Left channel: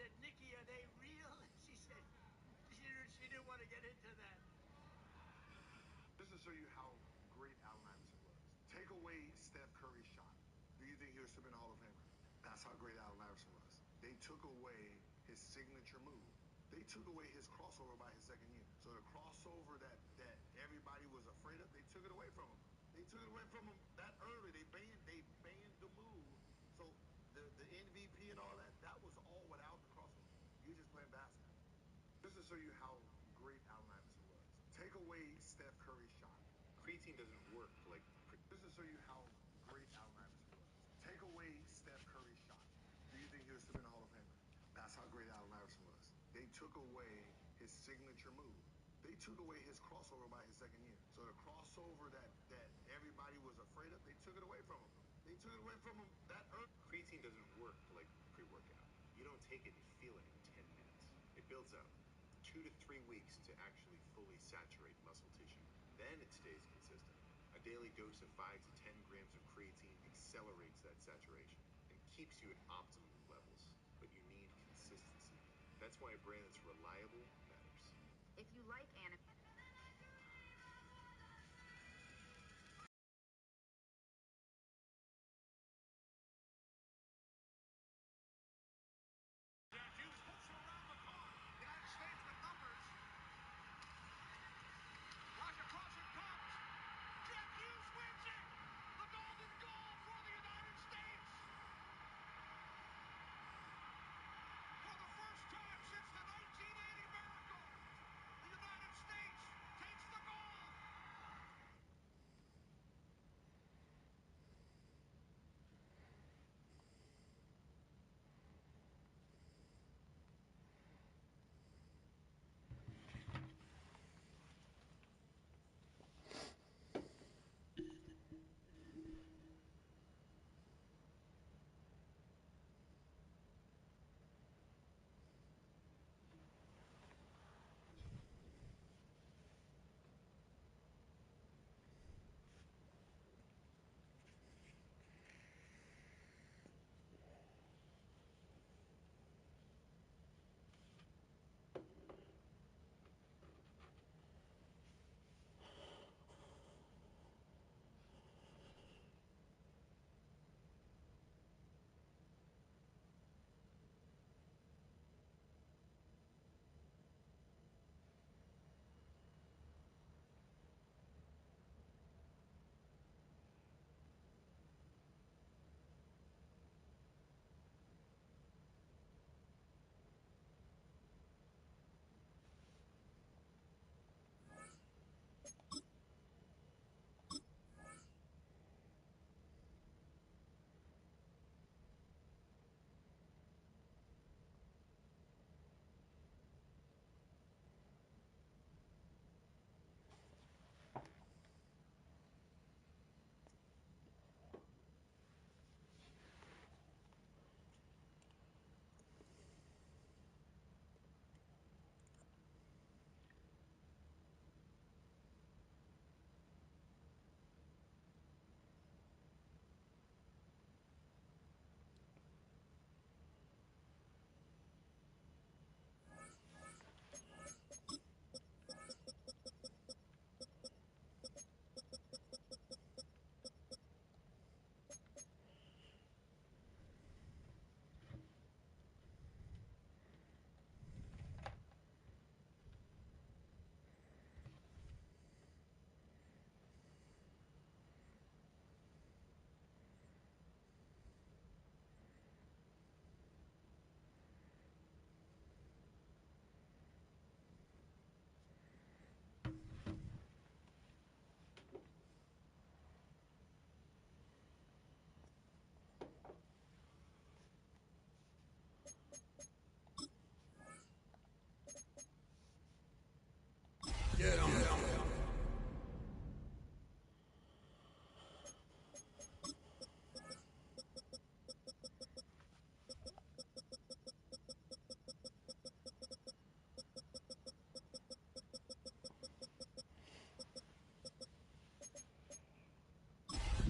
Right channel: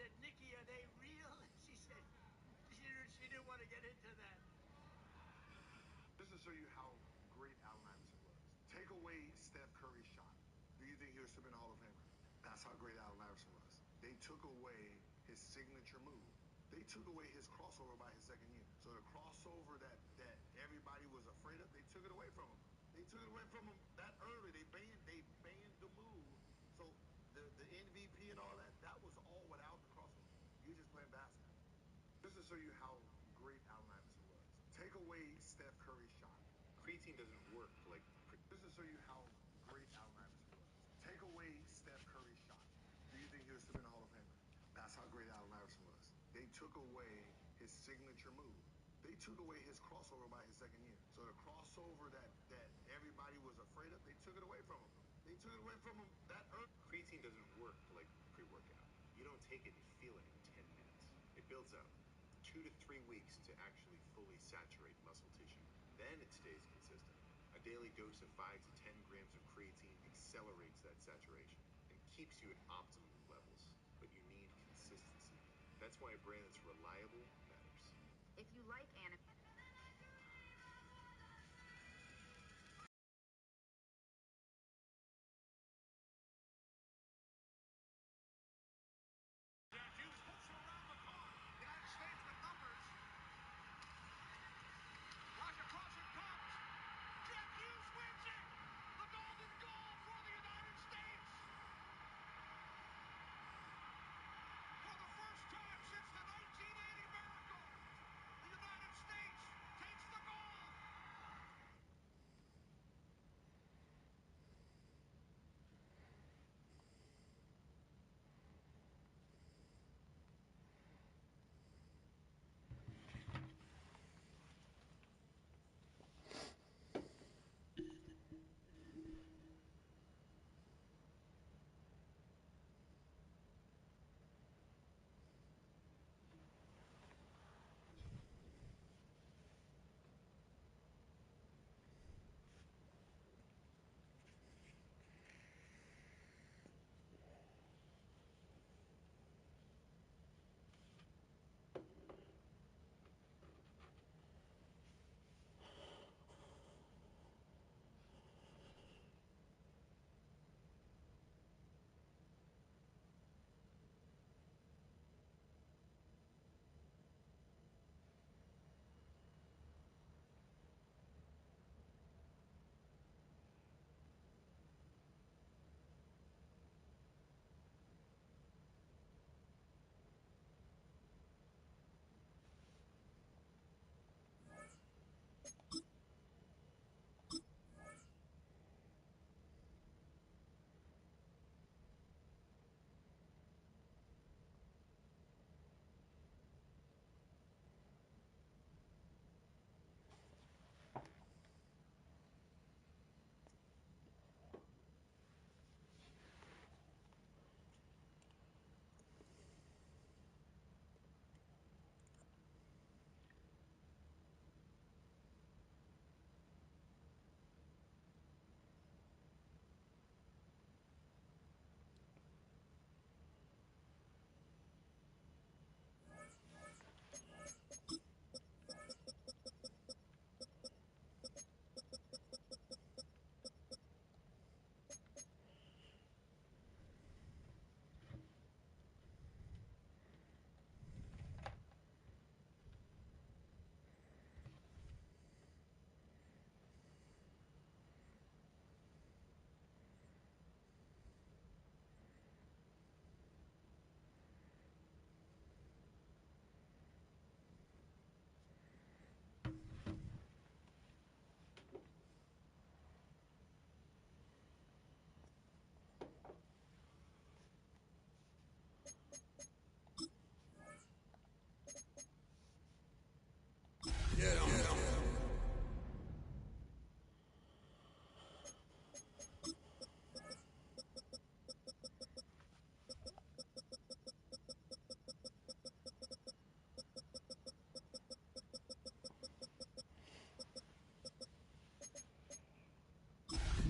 said, Nikki, are they real? She said she didn't want to get into that. Just to show you how great Allen Iverson was. Take away Steph Curry's shot. Do you think he was in the Hall of Famer? That's how great Allen Iverson was. They took away his signature move. They took away his crossover by his second year. So the crossover that everybody was afraid of, they took it away from him. They took it away from him that early. They banned the move. So the MVP and all that was all without the crossover. You're just playing basketball. Just to show you how great Allen Iverson was. Take away Steph Curry's shot. Creatine doesn't work like... Just to show you how great Allen Iverson was. Take away Steph Curry's shot. Do you think he was in the Hall of Famer? That's how great Allen Iverson was. They took away his signature move. They took away his crossover by his second year. So the crossover that everybody was afraid of, they took it away from him. They took it away from him that early. Creatine doesn't work like pre-workout. You don't take it and feel it in 10 minutes. It builds up 2 to 3 weeks to actually fully saturate muscle tissue. Then it stays consistent. A daily dose of 5 to 10 grams of creatine accelerates that saturation and keeps you at optimum levels. But you need consistency. That's why a brand that's reliable matters. If you like anime...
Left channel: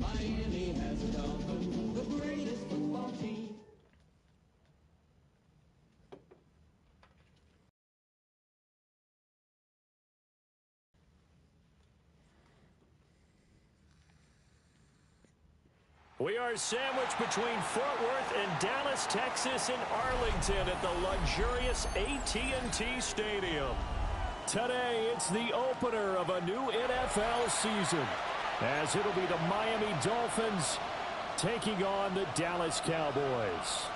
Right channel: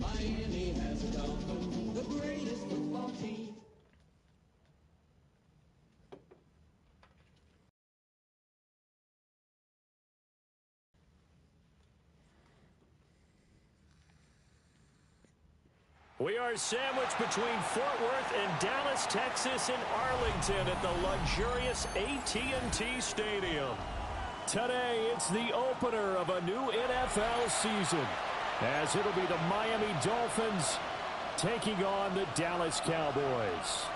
Miami has a Dolphins, the greatest football team. We are sandwiched between Fort Worth and Dallas, Texas, and Arlington at the luxurious AT&T Stadium. Today, it's the opener of a new NFL season, as it'll be the Miami Dolphins taking on the Dallas Cowboys.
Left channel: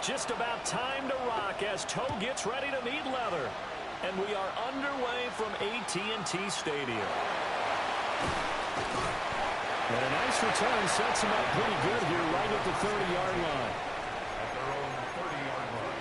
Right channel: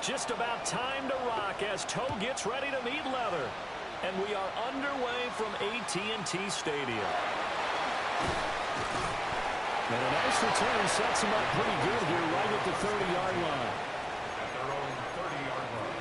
Just about time to rock as Toe gets ready to meet leather. And we are underway from AT&T Stadium. And a nice return sets him up pretty good here right at the 30-yard line. At their own 30-yard line.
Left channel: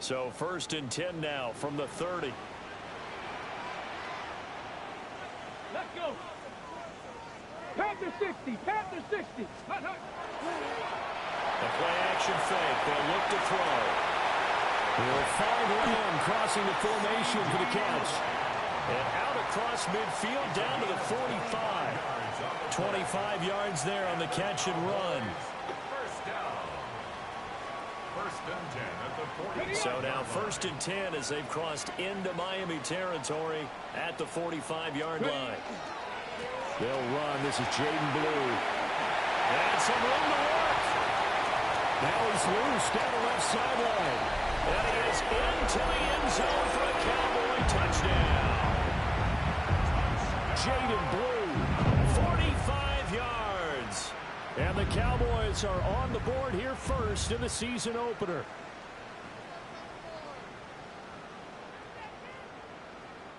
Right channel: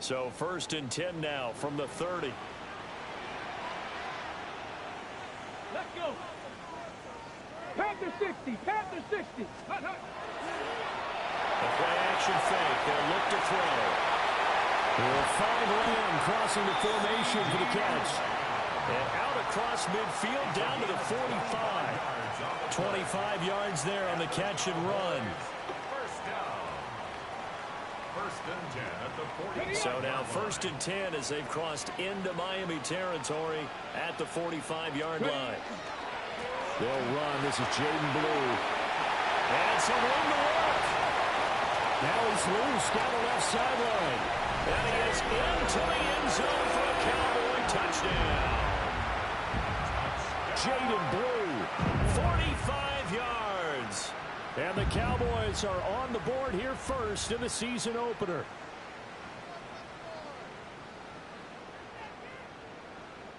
So 1st and 10 now from the 30. Let's go. Panther 60. Panther 60. Hut, hut. The play action fake. They'll look to throw. He'll find Lamb crossing the formation for the catch. And out across midfield down to the 45. 25 yards there on the catch and run. First down. 1st and 10 at the 40. So now 1st and 10 as they've crossed into Miami territory at the 45-yard line. They'll run. This is Jaden Blue. And some room to work. Now he's loose down the left sideline. And he is into the end zone for a Cowboy touchdown. Jaden Blue, 45 yards. And the Cowboys are on the board here first in the season opener.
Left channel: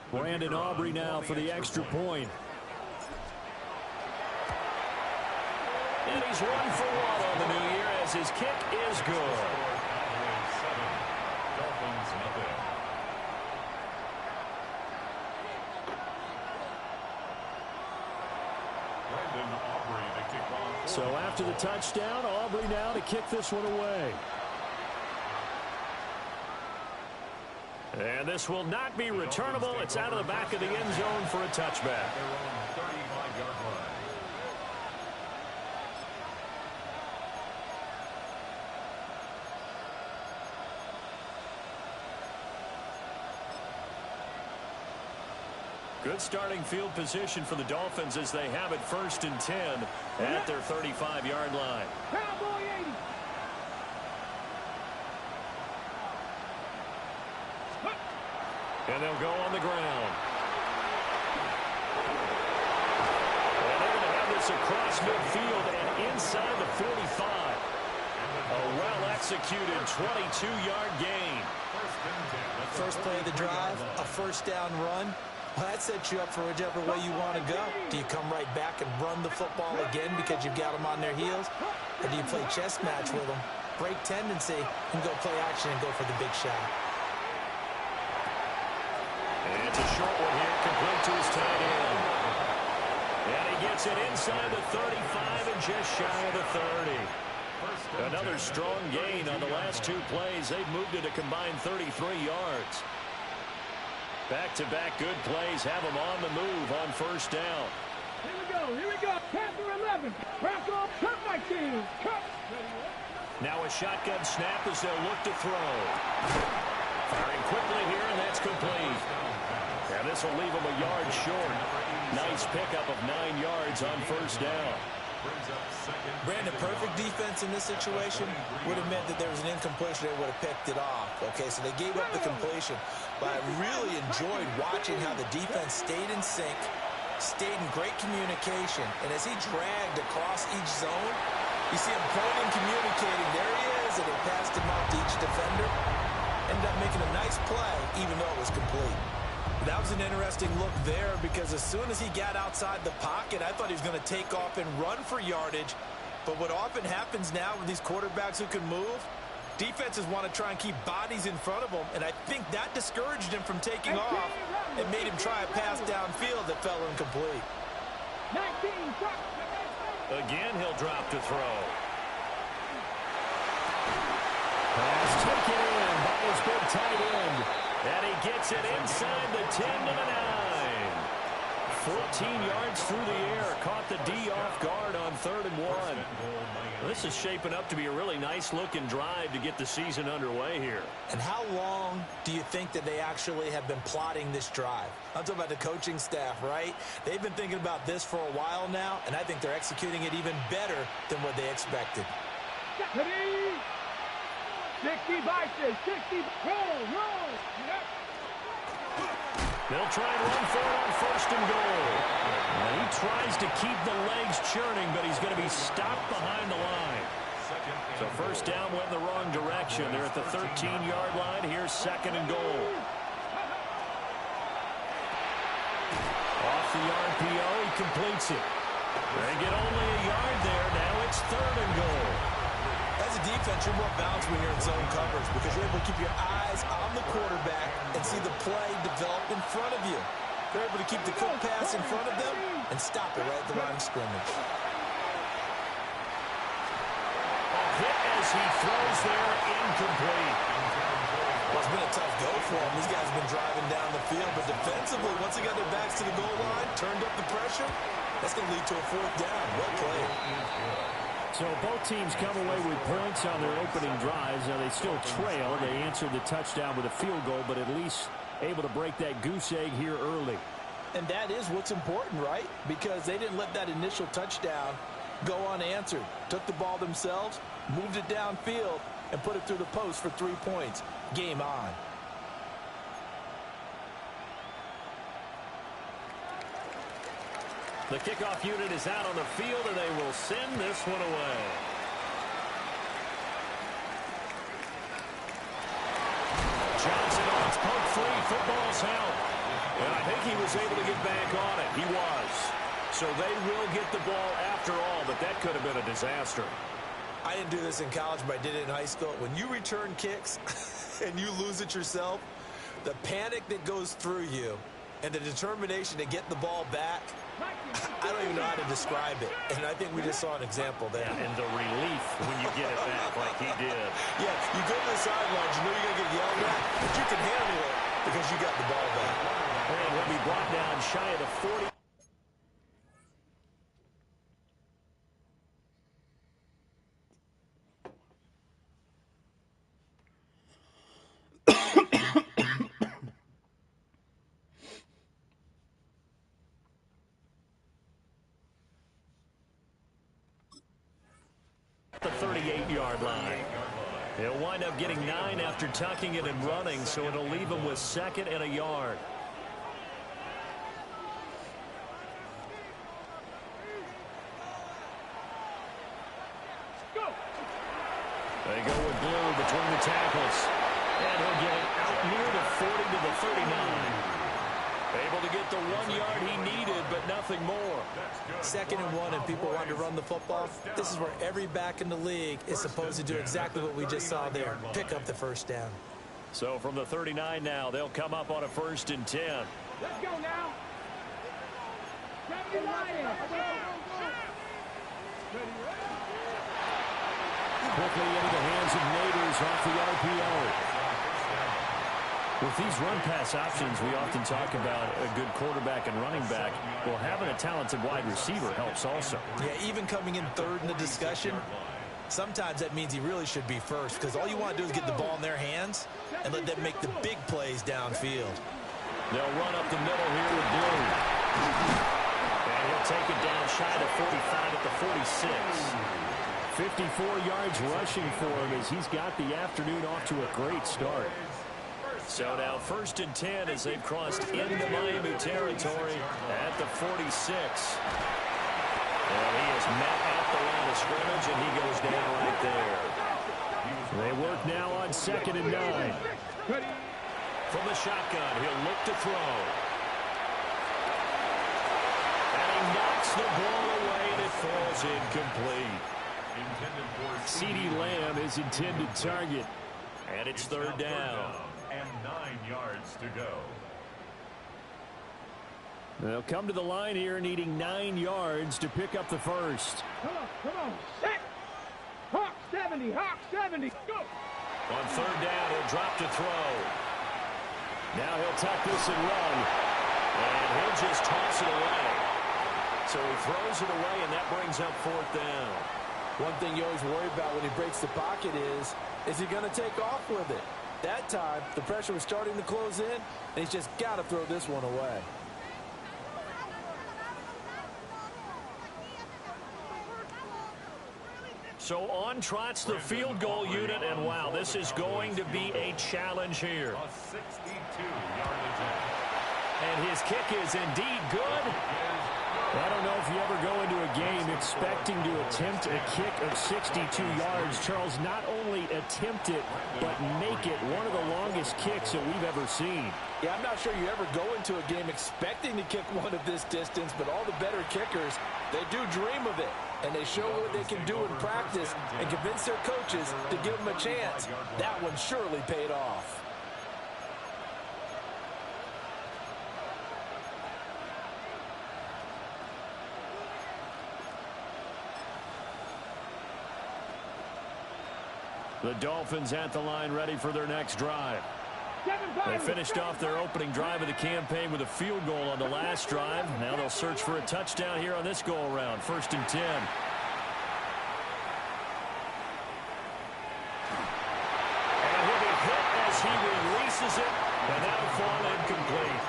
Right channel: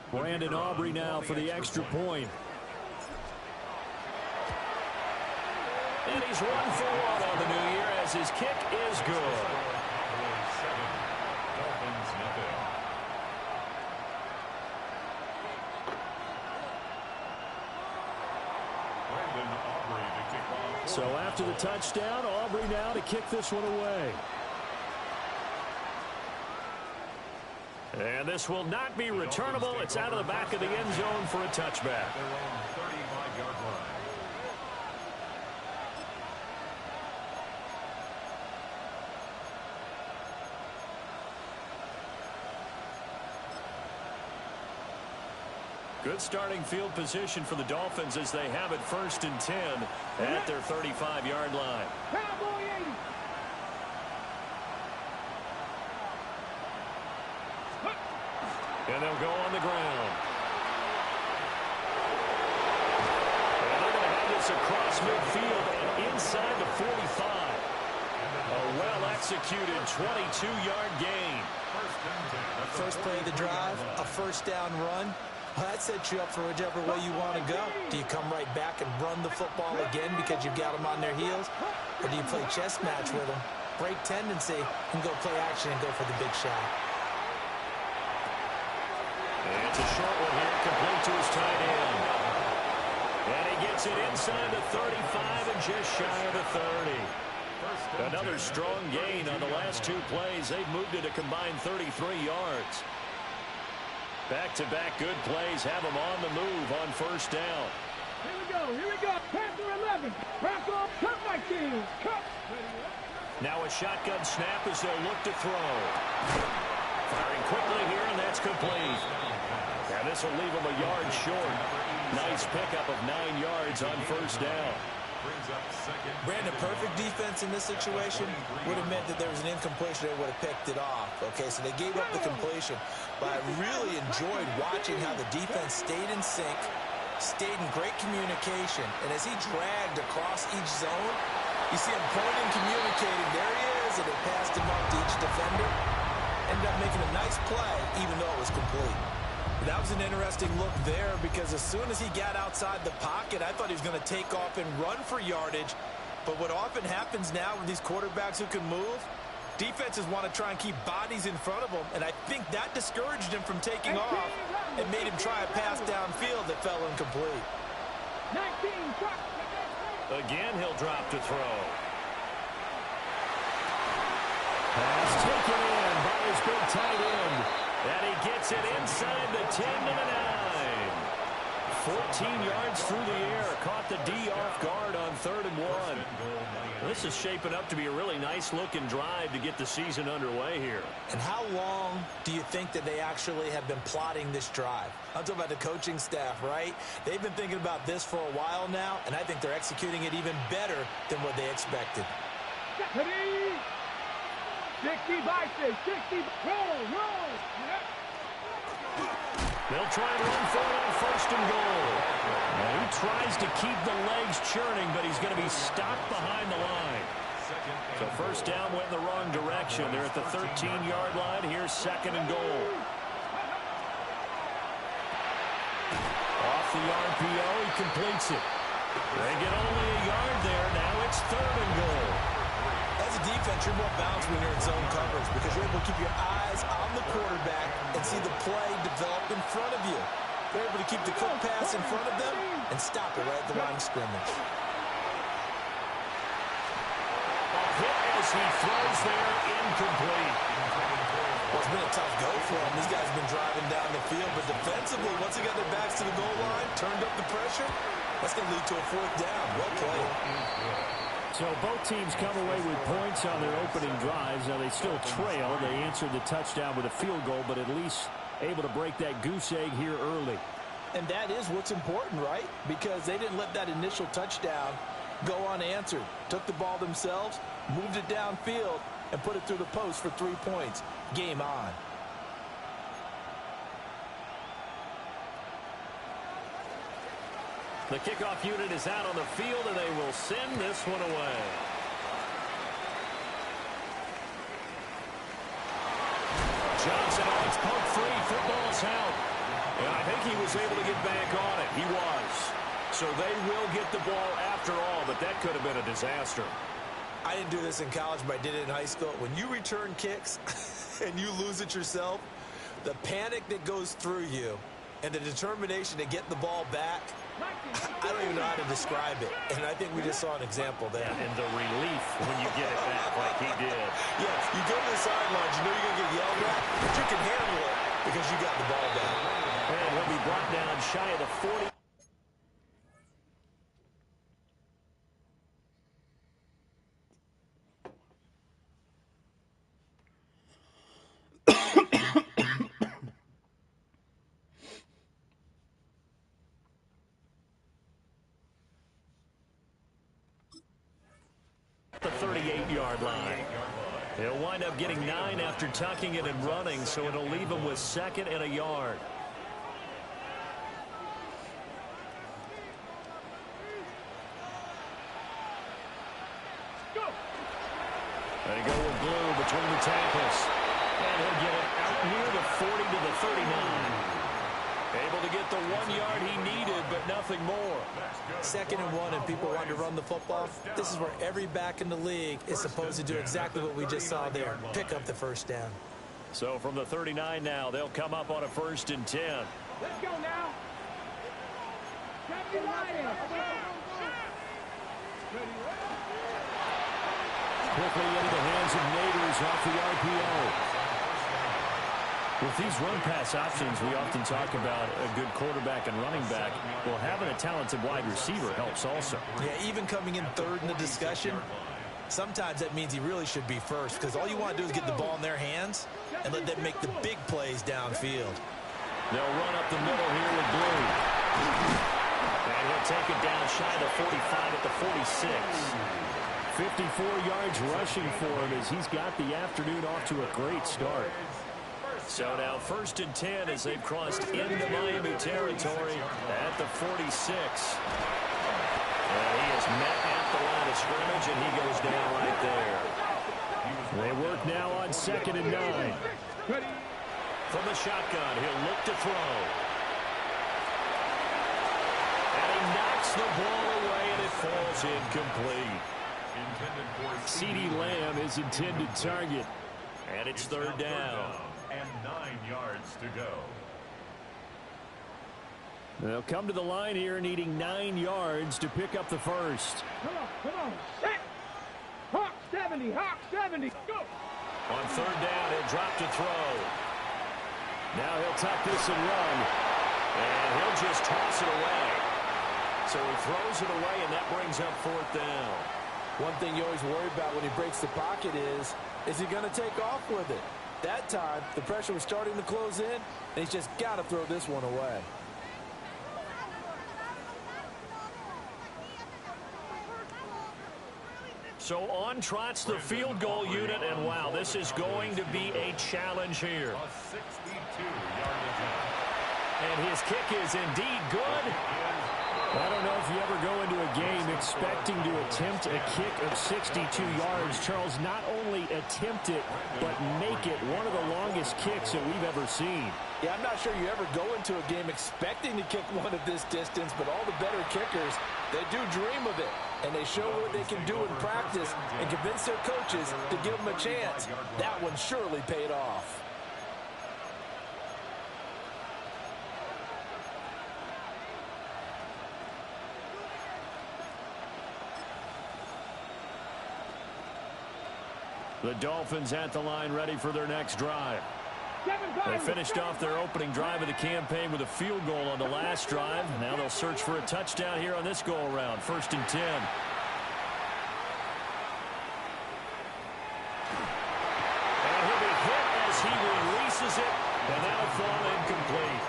Brandon Aubrey now for the extra point. And he's 1 for 1 on the new year as his kick is good. Cowboys 7, Dolphins nothing. Brandon Aubrey to kick off. So after the touchdown, Aubrey now to kick this one away. And this will not be returnable. It's out of the back of the end zone for a touchback. Their own 35-yard line. Good starting field position for the Dolphins as they have it 1st and 10 at their 35-yard line. Cowboy 80. And they'll go on the ground. And they're going to have this across midfield and inside the 45. A well-executed 22-yard gain. First play of the drive, a first down run. Well, that sets you up for whichever way you want to go. Do you come right back and run the football again because you've got them on their heels? Or do you play chess match with them, break tendency, and go play action and go for the big shot? And it's a short one here, complete to his tight end. And he gets it inside the 35 and just shy of the 30. Another strong gain on the last 2 plays. They've moved it a combined 33 yards. Back-to-back good plays have them on the move on 1st down. Here we go. Here we go. Panther 11. Back off. Cut my team. Cut. Now a shotgun snap as they'll look to throw. Firing quickly here, and that's complete. And this will leave them a yard short. Nice pickup of 9 yards on 1st down. Brandon, perfect defense in this situation would have meant that there was an incompletion. They would have picked it off. Okay, so they gave up the completion. But I really enjoyed watching how the defense stayed in sync, stayed in great communication. And as he dragged across each zone, you see him pointing, communicating. There he is, and they passed him off to each defender. Ended up making a nice play, even though it was complete. That was an interesting look there because as soon as he got outside the pocket, I thought he was going to take off and run for yardage. But what often happens now with these quarterbacks who can move, defenses want to try and keep bodies in front of them, and I think that discouraged him from taking off and made him try a pass downfield that fell incomplete. 19, Again, he'll drop to throw. Pass taken in by his big tight end. And he gets it inside the 10 to the 9. 14 yards through the air. Caught the D off guard on 3rd and 1. This is shaping up to be a really nice-looking drive to get the season underway here. And how long do you think that they actually have been plotting this drive? I'm talking about the coaching staff, right? They've been thinking about this for a while now, and I think they're executing it even better than what they expected. 60 vices, 60, roll. They'll try and run for it on 1st and goal. Now he tries to keep the legs churning, but he's going to be stopped behind the line. So 1st down went in the wrong direction. They're at the 13-yard line. Here's 2nd and goal. Off the RPO, he completes it. They get only a yard there. Now it's 3rd and goal. As a defense, you're more balanced when you're in zone coverage because you're able to keep your eyes on the quarterback and see the play develop in front of you. They're able to keep the quick pass in front of them and stop it right at the line of scrimmage. A hit as he throws there, incomplete. Well, it's been a tough go for them. These guys have been driving down the field, but defensively, once they got their backs to the goal line, turned up the pressure, that's going to lead to a 4th down. Well played. So both teams come away with points on their opening drives. Now they still trail. They answered the touchdown with a field goal, but at least able to break that goose egg here early. And that is what's important, right? Because they didn't let that initial touchdown go unanswered. Took the ball themselves, moved it downfield, and put it through the post for 3 points. Game on. The kickoff unit is out on the field, and they will send this one away. Johnson on its poke free. Football's out. And I think he was able to get back on it. He was. So they will get the ball after all, but that could have been a disaster. I didn't do this in college, but I did it in high school. When you return kicks and you lose it yourself, the panic that goes through you and the determination to get the ball back, I don't even know how to describe it. And I think we just saw an example there. Yeah, and the relief when you get it back like he did. Yeah, you go to the sidelines, you know you're going to get yelled at, but you can handle it because you got the ball back. And he'll be brought down shy of the 40. The 38-yard line. He'll wind up getting 9 after tucking it and running, so it'll leave him with 2nd and a yard. They go with Blue between the tackles. And he'll get it out near the 40 to the 39. Able to get the 1 yard he needed, but nothing more. 2nd and 1, and people want to run the football. This is where every back in the league is supposed to do exactly what we just saw there. Pick up the 1st down. So from the 39 now, they'll come up on a 1st and 10. Let's go now. Quickly into the hands of Neighbors off the RPO. With these run-pass options, we often talk about a good quarterback and running back. Well, having a talented wide receiver helps also. Yeah, even coming in 3rd in the discussion, sometimes that means he really should be 1st because all you want to do is get the ball in their hands and let them make the big plays downfield. They'll run up the middle here with Blue. And he'll take it down shy to 45 at the 46. 54 yards rushing for him as he's got the afternoon off to a great start. So now 1st and 10 as they've crossed into Miami territory at the 46. And he is met at the line of scrimmage, and he goes down right there. They work now on 2nd and 9. From the shotgun, he'll look to throw. And he knocks the ball away, and it falls incomplete. CeeDee Lamb is intended target. And it's third down. And 9 yards to go. They'll come to the line here needing 9 yards to pick up the first. Come on, set. Hawk 70, Hawk 70, go. On third down, he'll drop to throw. Now he'll tuck this and run. And he'll just toss it away. So he throws it away, and that brings up fourth down. One thing you always worry about when he breaks the pocket is he going to take off with it? That time, the pressure was starting to close in, and he's just got to throw this one away. So on trots the field goal unit, and wow, this is going to be a challenge here. A 62-yard attempt. And his kick is indeed good. I don't know if you ever go into a game expecting to attempt a kick of 62 yards. Charles, not only attempt it, but make it one of the longest kicks that we've ever seen. Yeah, I'm not sure you ever go into a game expecting to kick one of this distance, but all the better kickers, they do dream of it. And they show what they can do in practice and convince their coaches to give them a chance. That one surely paid off. The Dolphins at the line ready for their next drive. They finished off their opening drive of the campaign with a field goal on the last drive. Now they'll search for a touchdown here on this go-around. 1st and 10. And he'll be hit as he releases it, and that'll fall incomplete.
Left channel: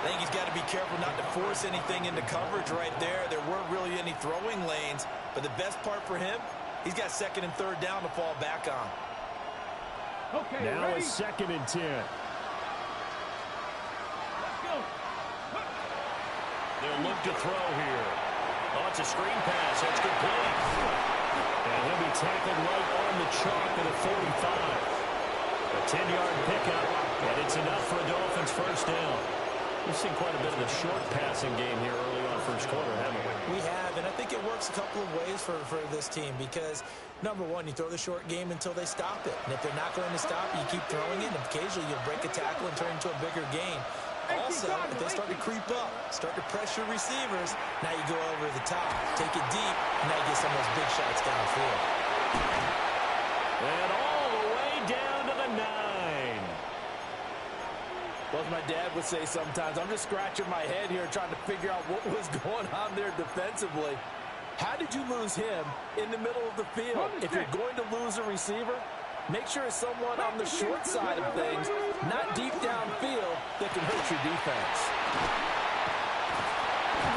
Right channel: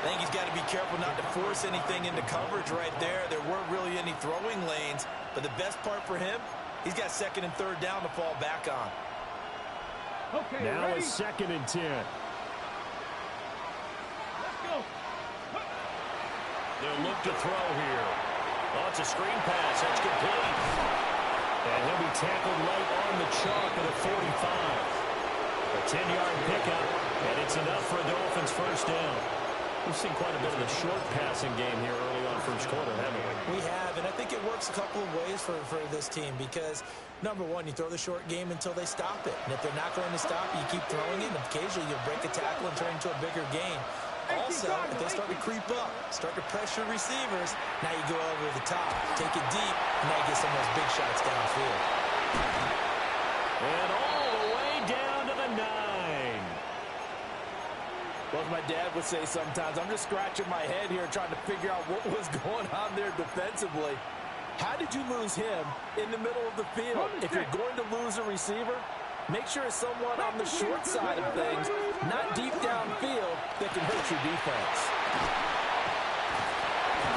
I think he's got to be careful not to force anything into coverage right there. There weren't really any throwing lanes, but the best part for him, he's got 2nd and 3rd down to fall back on. Okay, now ready? it's 2nd and 10. Let's go. They'll look to throw here. Oh, it's a screen pass. That's complete. And he'll be tackled right on the chalk of the 45. A 10-yard pickup, and it's enough for a Dolphins first down. We've seen quite a bit of the short passing game here early on first quarter, haven't we? We have, and I think it works a couple of ways for this team because, number one, you throw the short game until they stop it. And if they're not going to stop it, you keep throwing it, and occasionally you'll break a tackle and turn into a bigger gain. Also, if they start to creep up, start to pressure receivers, now you go over the top, take it deep, and now you get some of those big shots downfield. And all the way down to the 9. Well, as my dad would say sometimes, I'm just scratching my head here trying to figure out what was going on there defensively. How did you lose him in the middle of the field? If you're going to lose a receiver, make sure it's someone on the short side of things, not deep downfield, that can hurt your defense.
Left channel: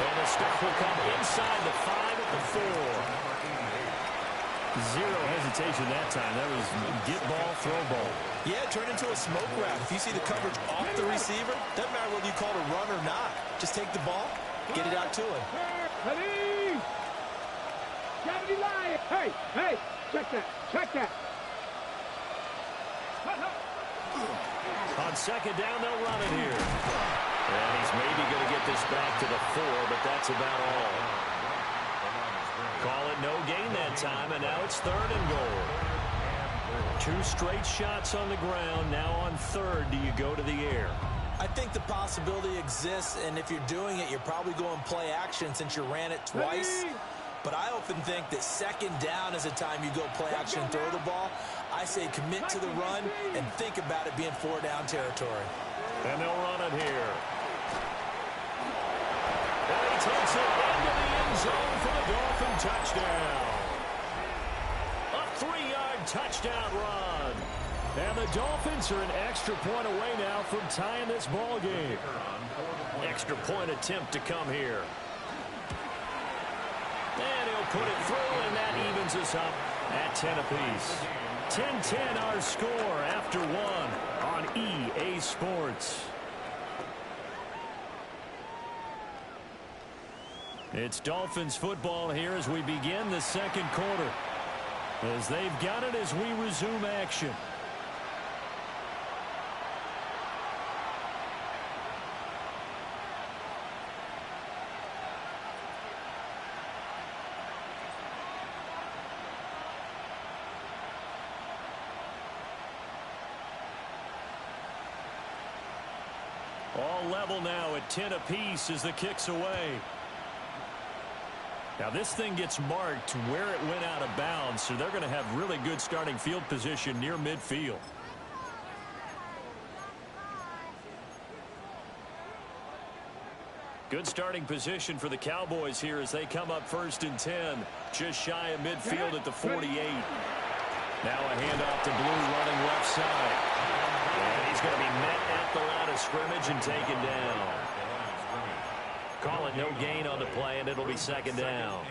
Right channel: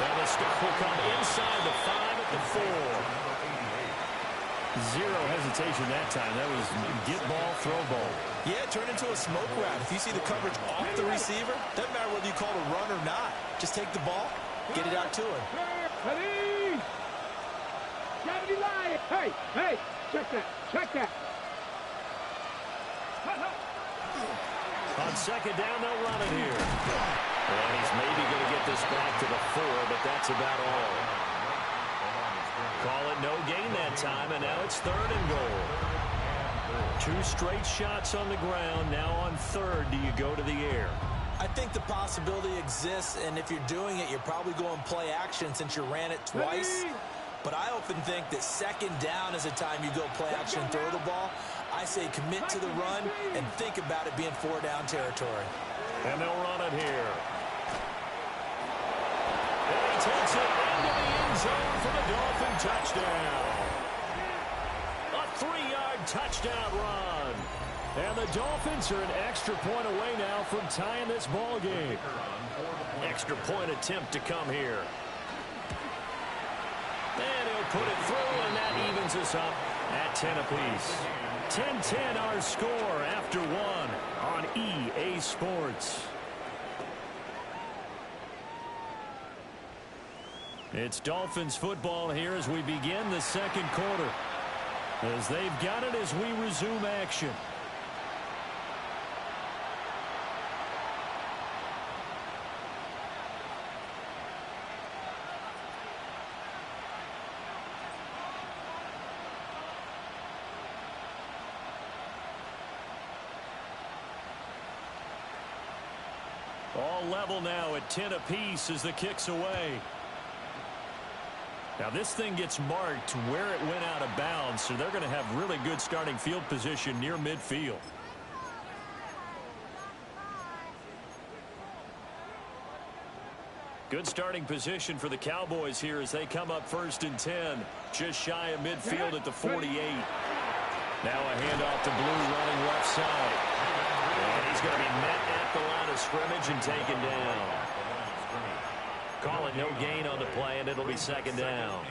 And the stop will come inside the 5 at the 4. Zero hesitation that time. That was get ball, throw ball. Yeah, turn into a smoke route. If you see the coverage off the receiver, doesn't matter whether you call it a run or not. Just take the ball, get it out to him. Ready? Gravity line. Hey, check that. On 2nd down, they'll run it here. And he's maybe going to get this back to the 4, but that's about all. Call it no gain that time, and now it's 3rd and goal. 2 straight shots on the ground. Now on 3rd, do you go to the air? I think the possibility exists, and if you're doing it, you're probably going play action since you ran it twice. But I often think that 2nd down is a time you go play action and throw the ball. I say commit to the run and think about it being 4-down territory. And they'll run it here. And he takes it into the end zone for the Dolphin touchdown. A 3-yard touchdown run. And the Dolphins are an extra point away now from tying this ball game. Extra point attempt to come here. And he'll put it through, and that evens us up at 10 apiece. 10-10 our score after 1 on EA Sports. It's Dolphins football here as we begin the 2nd quarter. As they've got it as we resume action. level now at 10 apiece as the kick's away. Now this thing gets marked where it went out of bounds, so they're going to have really good starting field position near midfield. Good starting position for the Cowboys here as they come up 1st and 10, just shy of midfield at the 48. Now a handoff to Blue running left side. And he's going to be met at the line of scrimmage and taken down. Call it no gain on the play, and it'll be 2nd down.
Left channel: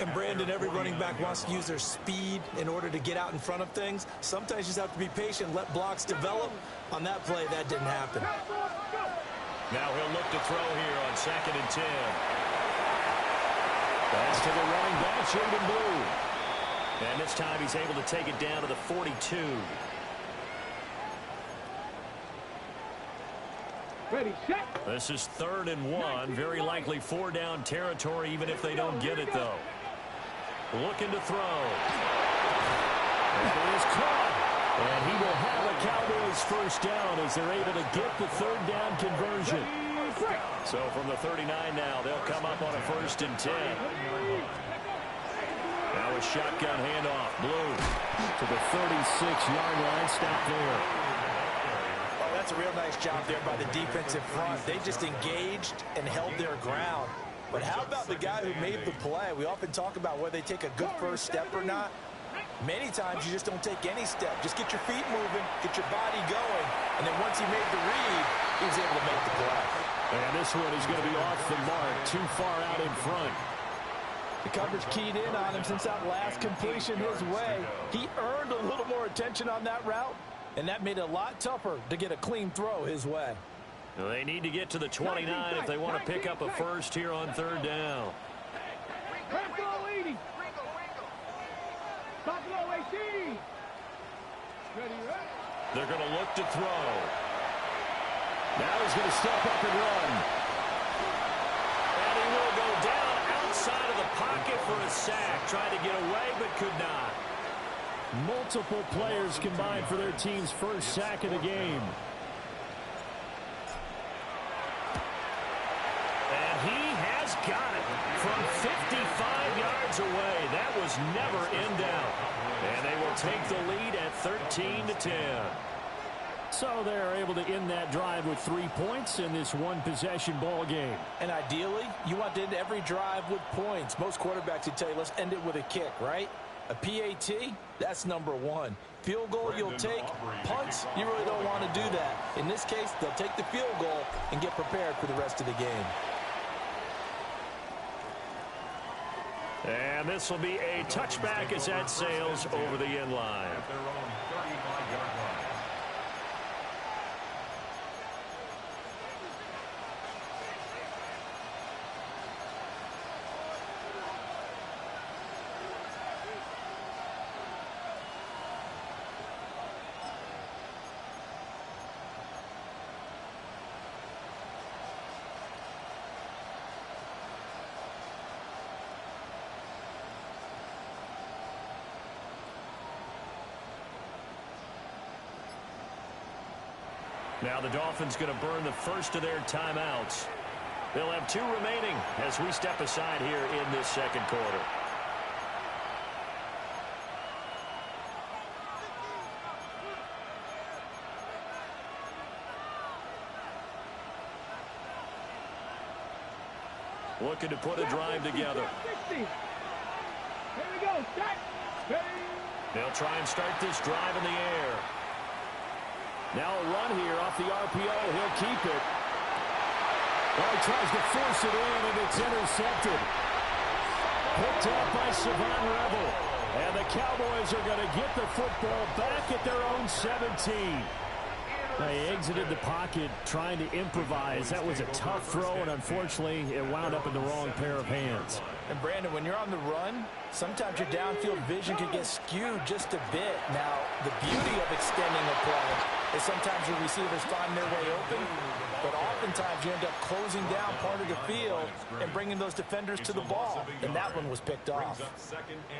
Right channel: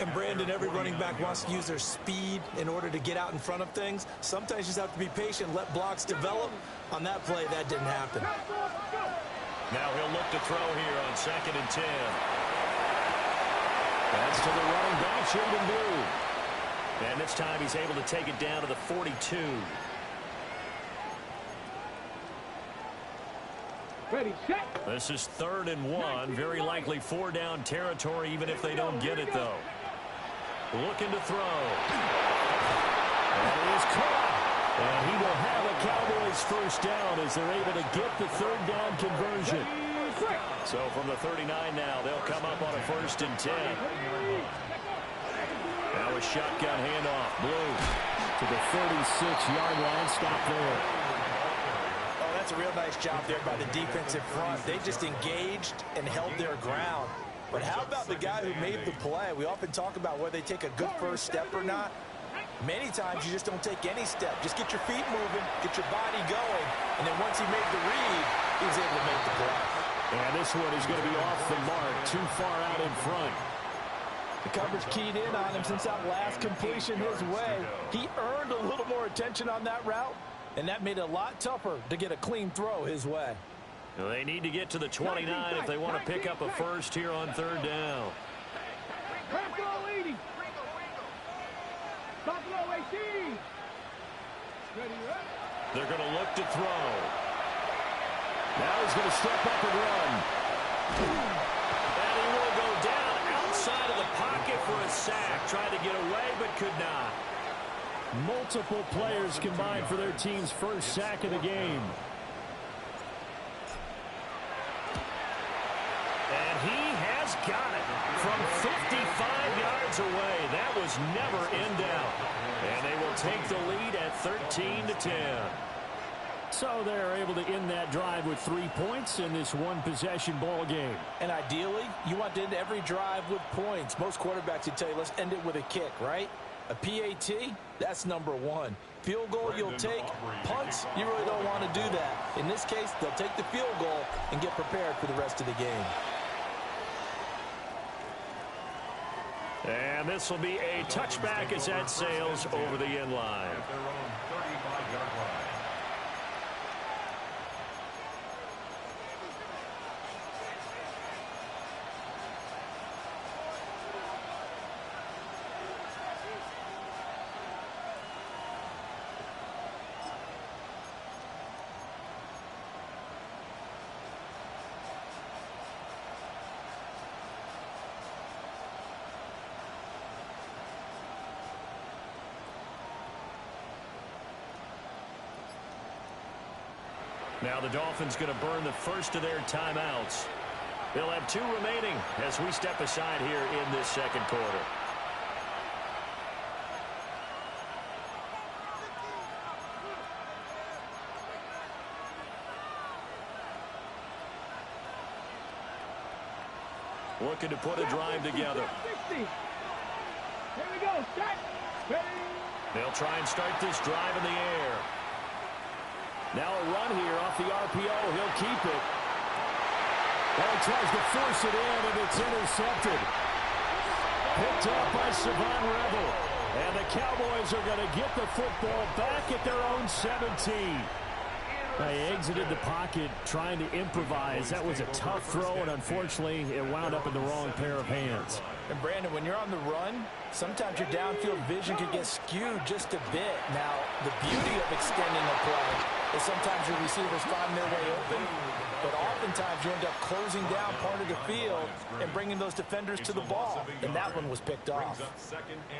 And, Brandon, every running back wants to use their speed in order to get out in front of things. Sometimes you just have to be patient, let blocks develop. On that play, that didn't happen. Now he'll look to throw here on 2nd and 10. That's to the running back, Jaden Blue. And this time he's able to take it down to the 42. Ready, set. This is 3rd and 1. Very likely 4-down territory, even if they don't get it, though. Looking to throw. That is caught. And he will have a Cowboys 1st down as they're able to get the 3rd down conversion. So from the 39 now, they'll come up on a 1st and 10. Now a shotgun handoff. Blue to the 36-yard line. Stop there. Oh, that's a real nice job there by the defensive front. They just engaged and held their ground. But how about the guy who made the play? We often talk about whether they take a good first step or not. Many times you just don't take any step. Just get your feet moving, get your body going, and then once he made the read, he was able to make the play. And this one is going to be off the mark, too far out in front. The coverage keyed in on him since that last completion his way. He earned a little more attention on that route, and that made it a lot tougher to get a clean throw his way. Well, they need to get to the 29 if they want to pick up a 1st here on 3rd down. They're going to look to throw. Now he's going to step up and run. And he will go down outside of the pocket for a sack. Tried to get away but could not. Multiple players combined for their team's 1st sack of the game. And he has got it from 55 yards away. That was never in doubt. And they will take the lead at 13-10. So they're able to end that drive with 3 points in this one-possession ball game. And ideally, you want to end every drive with points. Most quarterbacks would tell you, let's end it with a kick, right? A PAT, that's number 1. Field goal you'll take. Punts, you really don't want to do that. In this case, they'll take the field goal and get prepared for the rest of the game. And this will be a touchback as that sails over the end line. At their own 35-yard line. Now the Dolphins going to burn the first of their timeouts. They'll have 2 remaining as we step aside here in this 2nd quarter. Looking to put a drive together. Here we go. Start. They'll try and start this drive in the air. Now a run here off the RPO. He'll keep it. Well, he tries to force it in, and it's intercepted. Picked up by Savon Revel. And the Cowboys are going to get the football back at their own 17. They exited the pocket trying to improvise. That was a tough throw, and unfortunately, it wound up in the wrong pair of hands. And Brandon, when you're on the run, sometimes your downfield vision can get skewed just a bit. Now, the beauty of extending a play is sometimes your receivers find their way open, but oftentimes you end up closing down part of the field and bringing those defenders to the ball, and that one was picked off.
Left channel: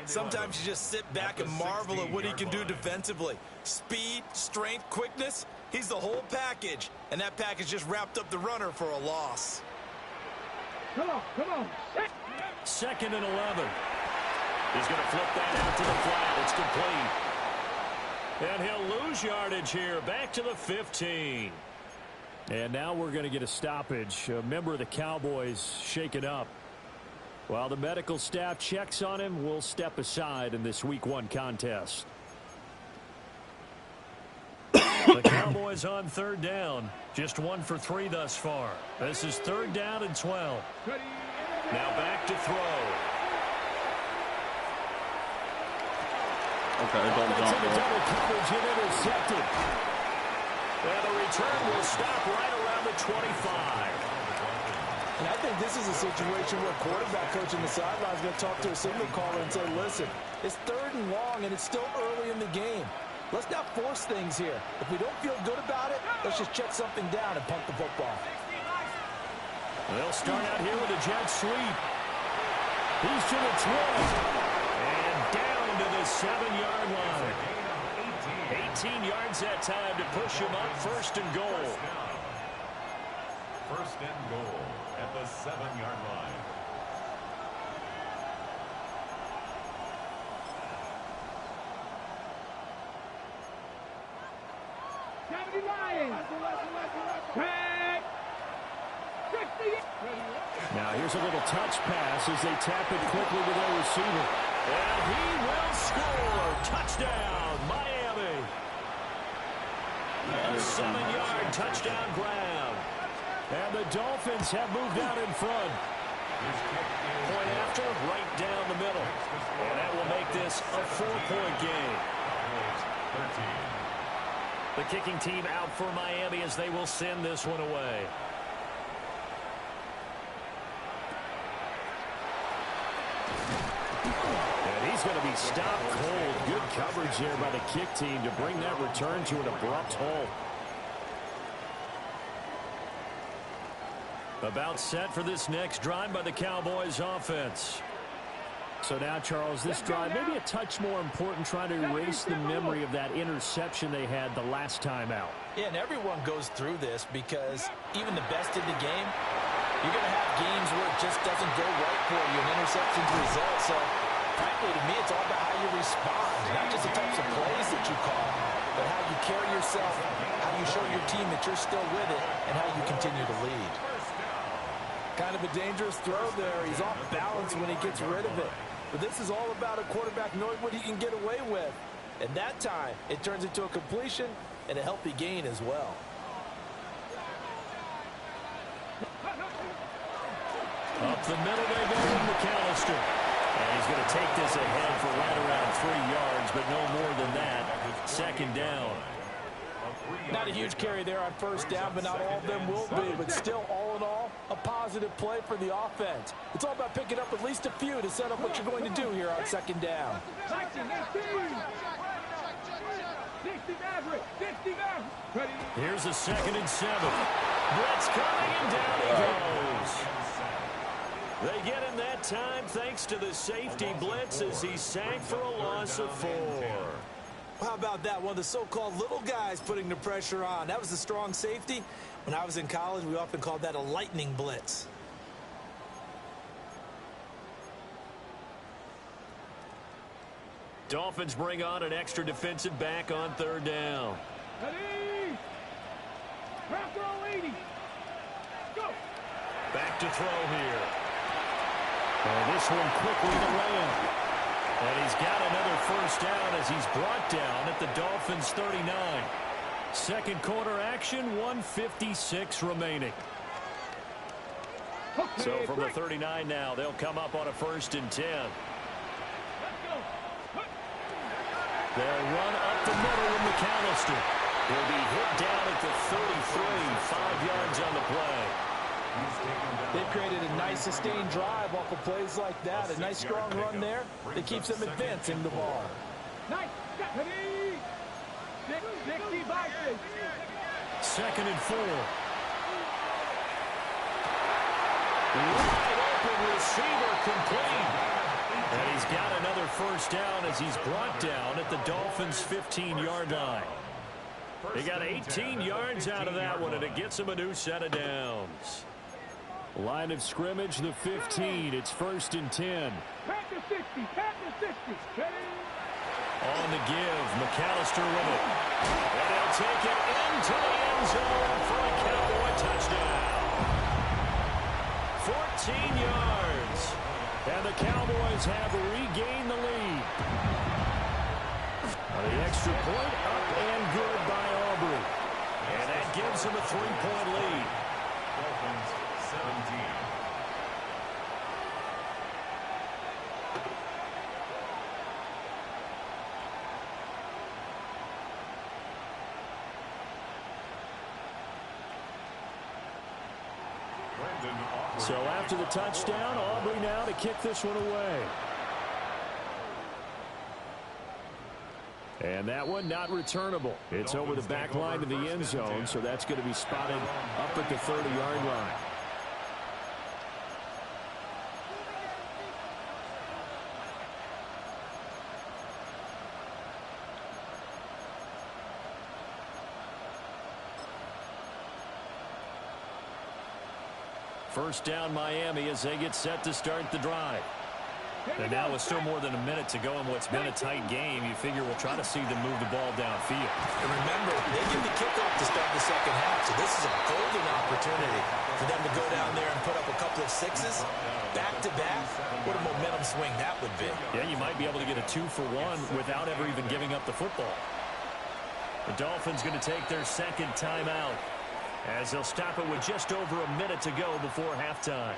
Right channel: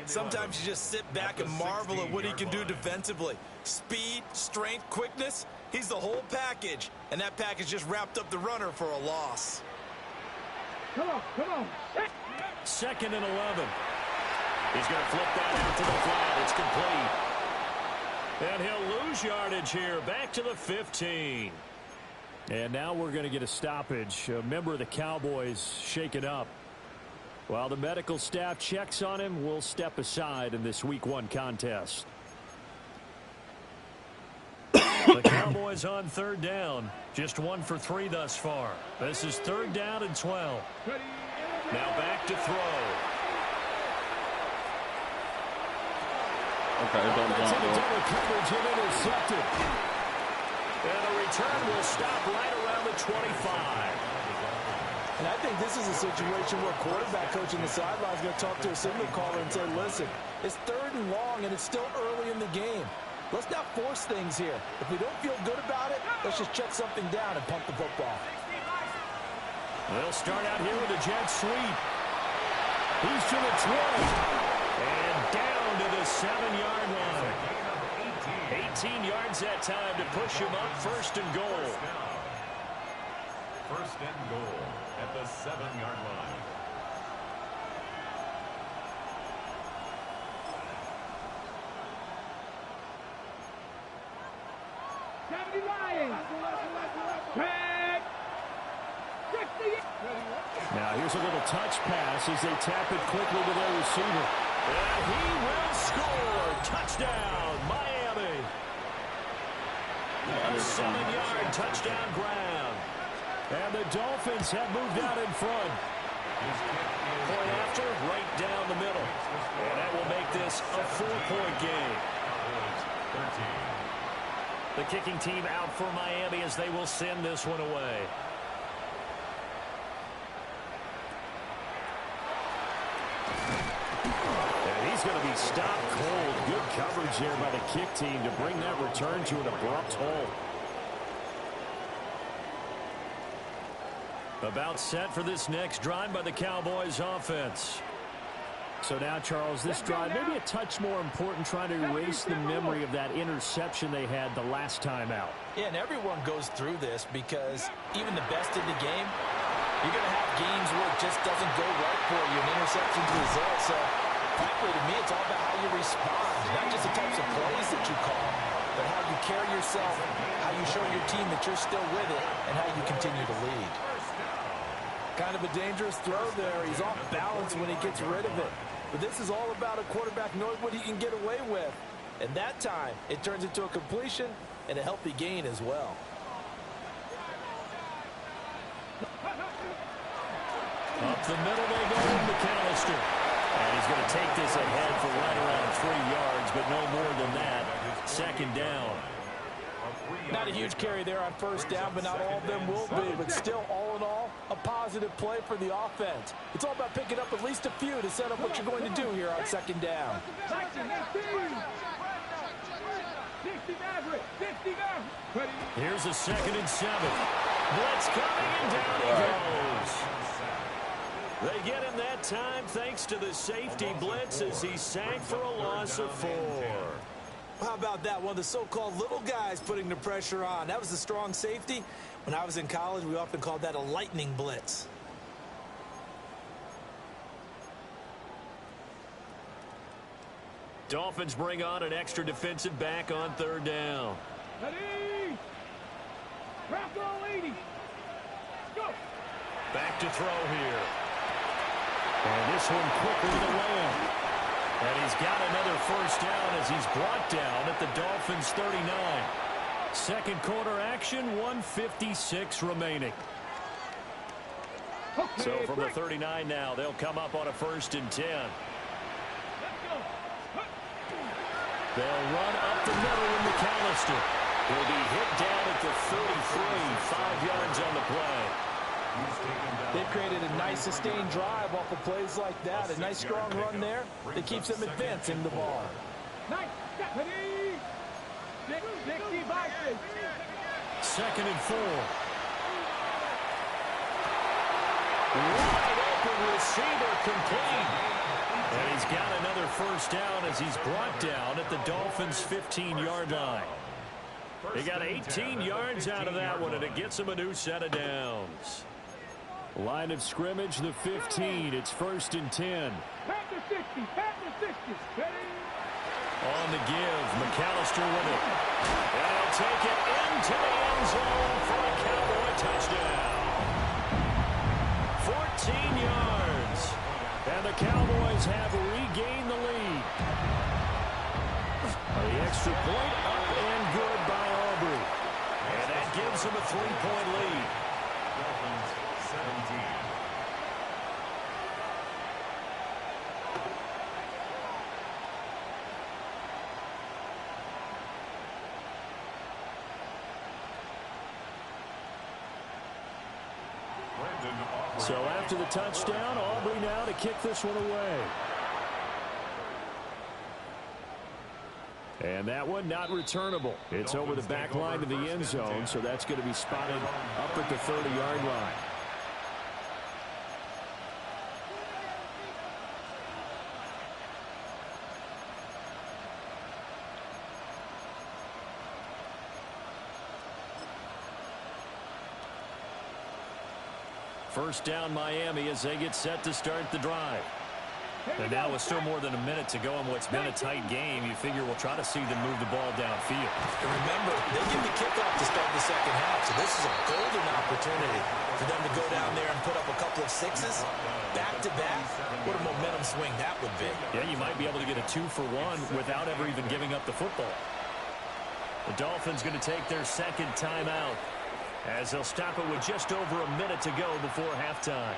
Sometimes you just sit back and marvel at what he can do defensively. Speed, strength, quickness, he's the whole package, and that package just wrapped up the runner for a loss. Come on. 2nd and 11. He's going to flip that out to the flat. It's complete. And he'll lose yardage here. Back to the 15. And now we're going to get a stoppage. A member of the Cowboys shaken up. While the medical staff checks on him, we'll step aside in this Week 1 contest. The Cowboys on 3rd down. Just 1 for 3 thus far. This is 3rd down and 12. Now back to throw. Okay, don't That's jump, into bro. double coverage and intercepted. And the return will stop right around the 25. And I think this is a situation where quarterback coach in the sideline is going to talk to a signal caller and say, listen, it's 3rd and long and it's still early in the game. Let's not force things here. If we don't feel good about it, let's just check something down and punt the football. They'll start out here with a jet sweep. He's to the 20. And down to the 7-yard line. 18 yards that time to push him up 1st and goal. 1st and goal at the 7-yard line. Now here's a little touch pass as they tap it quickly to their receiver. And he will score. Touchdown, Miami. A 7-yard touchdown grab. And the Dolphins have moved out in front. Point after, right down the middle. And that will make this a 4-point game. The kicking team out for Miami as they will send this one away. And he's going to be stopped cold. Good coverage there by the kick team to bring that return to an abrupt halt. About set for this next drive by the Cowboys offense. So now, Charles, this drive maybe a touch more important, trying to erase the memory of that interception they had the last time out. Yeah, and everyone goes through this because even the best in the game, you're going to have games where it just doesn't go right for you, and interceptions result. So, frankly, to me, it's all about how you respond, not just the types of plays that you call, but how you carry yourself, how you show your team that you're still with it, and how you continue to lead. Kind of a dangerous throw there. He's off balance when he gets rid of it. But this is all about a quarterback knowing what he can get away with. And that time, it turns into a completion and a healthy gain as well. Up the middle they go with McAllister. And he's going to take this ahead for right around 3 yards, but no more than that. 2nd down. Not a huge carry there on 1st down, but not all of them will be. But still, all in all, a positive play for the offense. It's all about picking up at least a few to set up what you're going to do here on 2nd down. Here's a 2nd and 7. Blitz coming, and down he goes. They get him that time thanks to the safety blitz as he sank for a loss of 4. How about that? One of the so-called little guys putting the pressure on. That was a strong safety. When I was in college, we often called that a lightning blitz. Dolphins bring on an extra defensive back on 3rd down. Ready? Crack all 80. Go. Back to throw here. And this one quickly to Lamb. And he's got another 1st down as he's brought down at the Dolphins' 39. 2nd quarter action, 1:56 remaining. Okay, So from the 39 now, they'll come up on a 1st and 10. Let's go. They'll run up the middle with McAllister. He'll be hit down at the 33, 5 yards on the play. They've created a nice sustained drive off of plays like that. A nice strong run there that keeps them advancing the ball. Nice. Ready. 60 by 6. 2nd and 4. Wide open receiver complete. And he's got another first down as he's brought down at the Dolphins' 15-yard line. They got 18 yards out of that one, and it gets them a new set of downs. Line of scrimmage, the 15. It's 1st and 10. Pat to 60. Pat to 60. Ready. On the give, McAllister with it. And he'll take it into the end zone for a Cowboy touchdown. 14 yards. And the Cowboys have regained the lead. The extra point up and good by Aubrey. And that gives them a 3-point lead. Dolphins 17. So after the touchdown, Aubrey now to kick this one away. And that one not returnable. It's over the back line of the end zone, so that's going to be spotted up at the 30-yard line. First down Miami as they get set to start the drive. And now with still more than a minute to go in what's been a tight game, you figure we'll try to see them move the ball downfield. And remember, they get the kickoff to start the second half, so this is a golden opportunity for them to go down there and put up a couple of sixes back-to-back. What a momentum swing that would be. Yeah, you might be able to get a 2-for-1 without ever even giving up the football. The Dolphins going to take their second timeout as they'll stop it with just over a minute to go before halftime.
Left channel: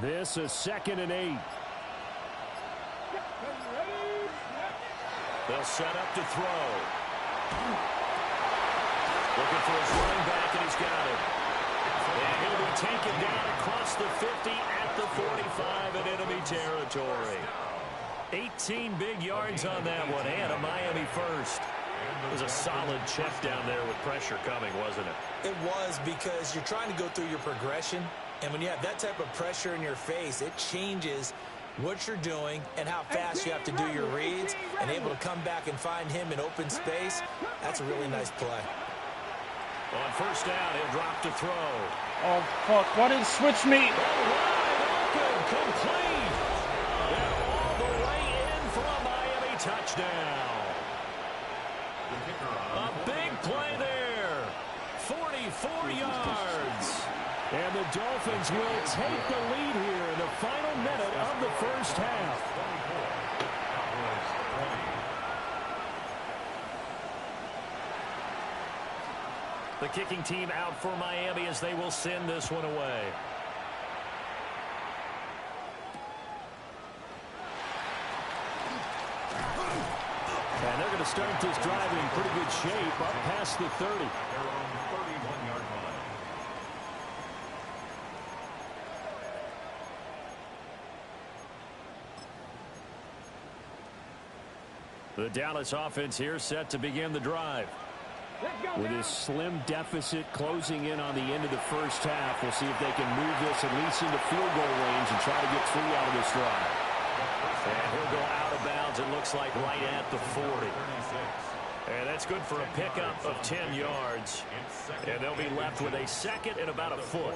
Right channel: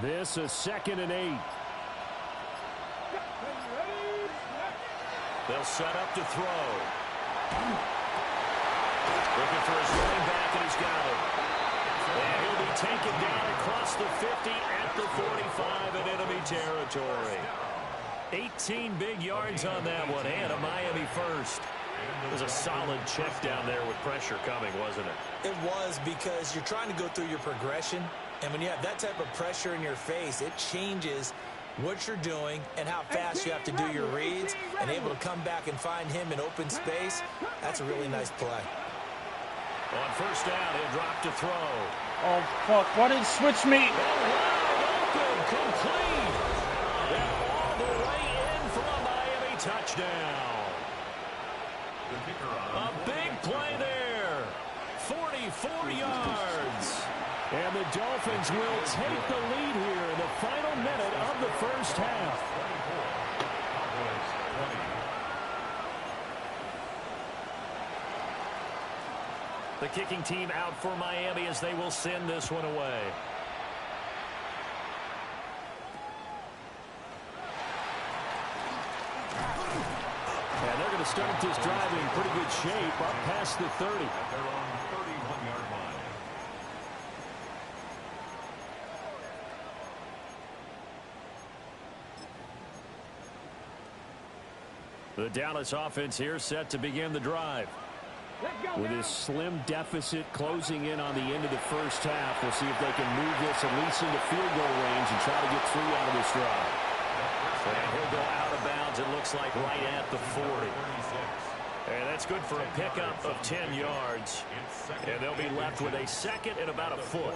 This is 2nd and 8. They'll set up to throw. Looking for his running back, and he's got him. And he'll be taken down across the 50 at the 45 in enemy territory. 18 big yards on that one, and a Miami first. It was a solid check down there with pressure coming, wasn't it? It was, because you're trying to go through your progression. And when you have that type of pressure in your face, it changes what you're doing and how fast you have to do your reads, and able to come back and find him in open space. That's a really nice play. On first down, he'll drop to throw. Oh, fuck. Why did it switch me? Wide open, complete. And all the way in for a Miami touchdown. A big play there. 44 yards. And the Dolphins will take the lead here in the final minute of the first half. The kicking team out for Miami as they will send this one away. And they're going to start this drive in pretty good shape up past the 30. At their own 31-yard line. The Dallas offense here set to begin the drive. With his slim deficit closing in on the end of the first half, we'll see if they can move this at least into field goal range and try to get 3 out of this drive. And he'll go out of bounds, it looks like, right at the 40. And that's good for a pickup of 10 yards. And they'll be left with a second and about a foot.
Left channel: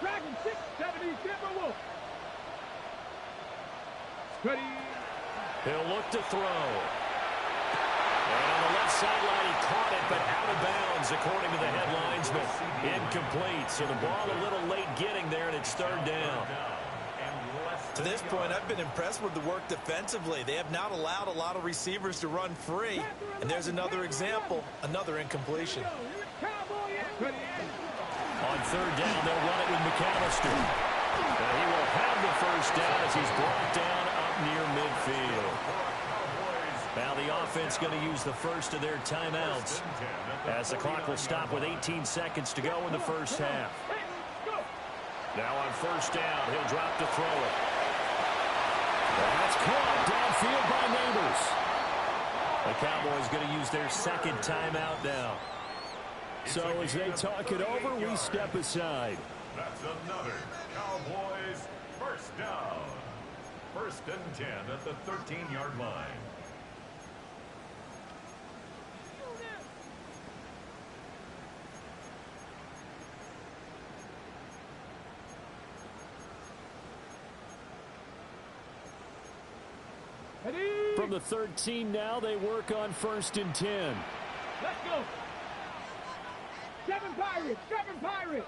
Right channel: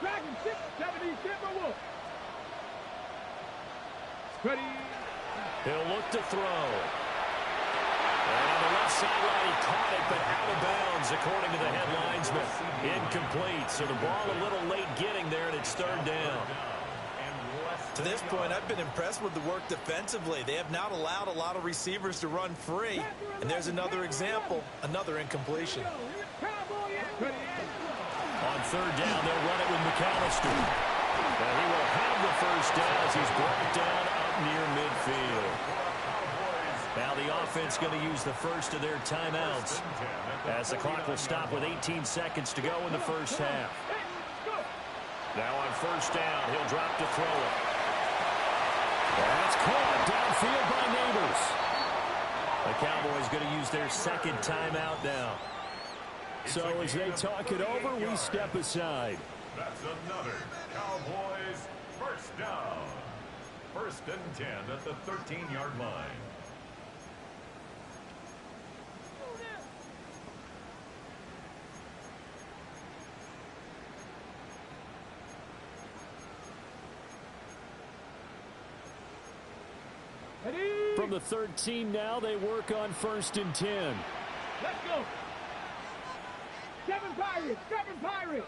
Dragon 670 Timberwolf. Ready. He'll look to throw. And on the left sideline, he caught it, but out of bounds, according to the headlinesman. Incomplete, so the ball a little late getting there, and it's third down. To this point, I've been impressed with the work defensively. They have not allowed a lot of receivers to run free. And there's another example, another incompletion. On third down, they'll run it with McAllister. He will have the first down as he's brought down up near midfield. Now the offense going to use the first of their timeouts as the clock will stop with 18 seconds to go in the first half. Now on first down, he'll drop to throw it. That's caught downfield by Neighbors. The Cowboys going to use their second timeout now. So as they talk it over, we step aside. That's another Cowboys first down. First and 10 at the 13-yard line. From the 13 now, they work on first and 10. Let's go. 7 Pirates, 7 Pirates.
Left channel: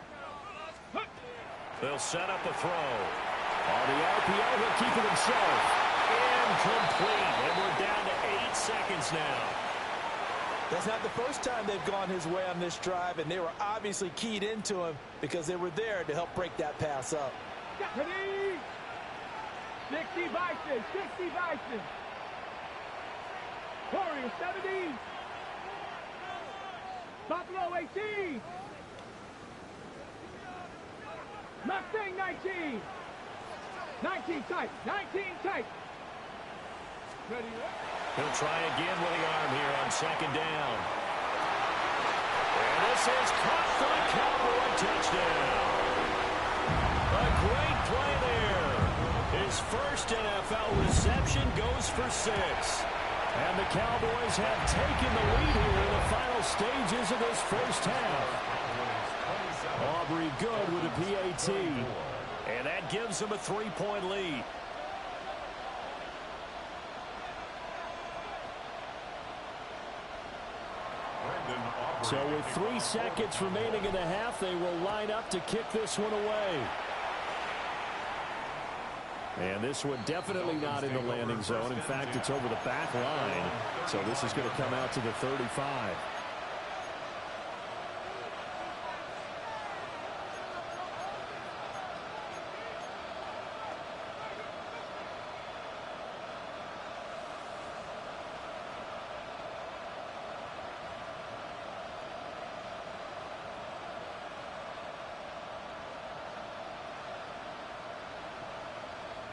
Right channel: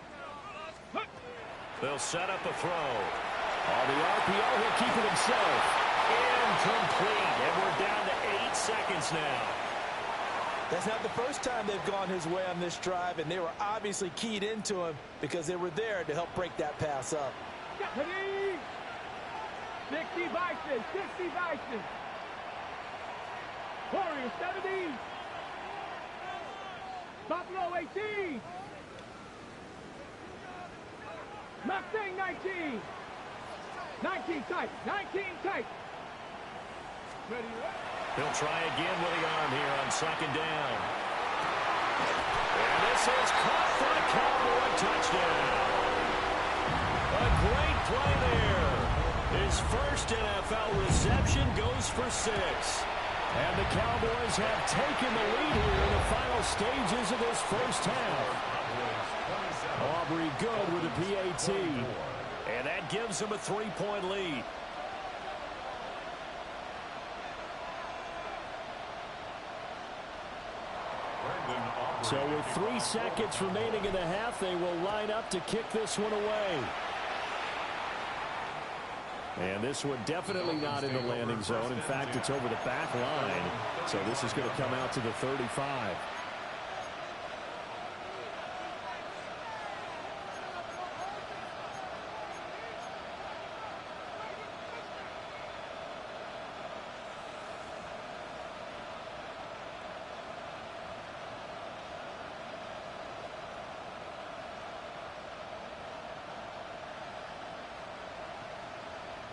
They'll set up a throw. On the RPO, he'll keep it himself. Incomplete, and we're down to 8 seconds now. That's not the first time they've gone his way on this drive, and they were obviously keyed into him because they were there to help break that pass up. 60 Bison, 60 Bison. Warrior 70. Buffalo 18. Mustang 19. 19 tight, 19 tight. Ready, He'll try again with the arm here on second down. And this is caught for a Cowboy touchdown. A great play there. His first NFL reception goes for 6. And the Cowboys have taken the lead here in the final stages of this first half. Aubrey good with a PAT. And that gives them a 3-point lead. So with 3 seconds remaining in the half, they will line up to kick this one away. And this one definitely not in the landing zone. In fact, it's over the back line. So this is going to come out to the 35.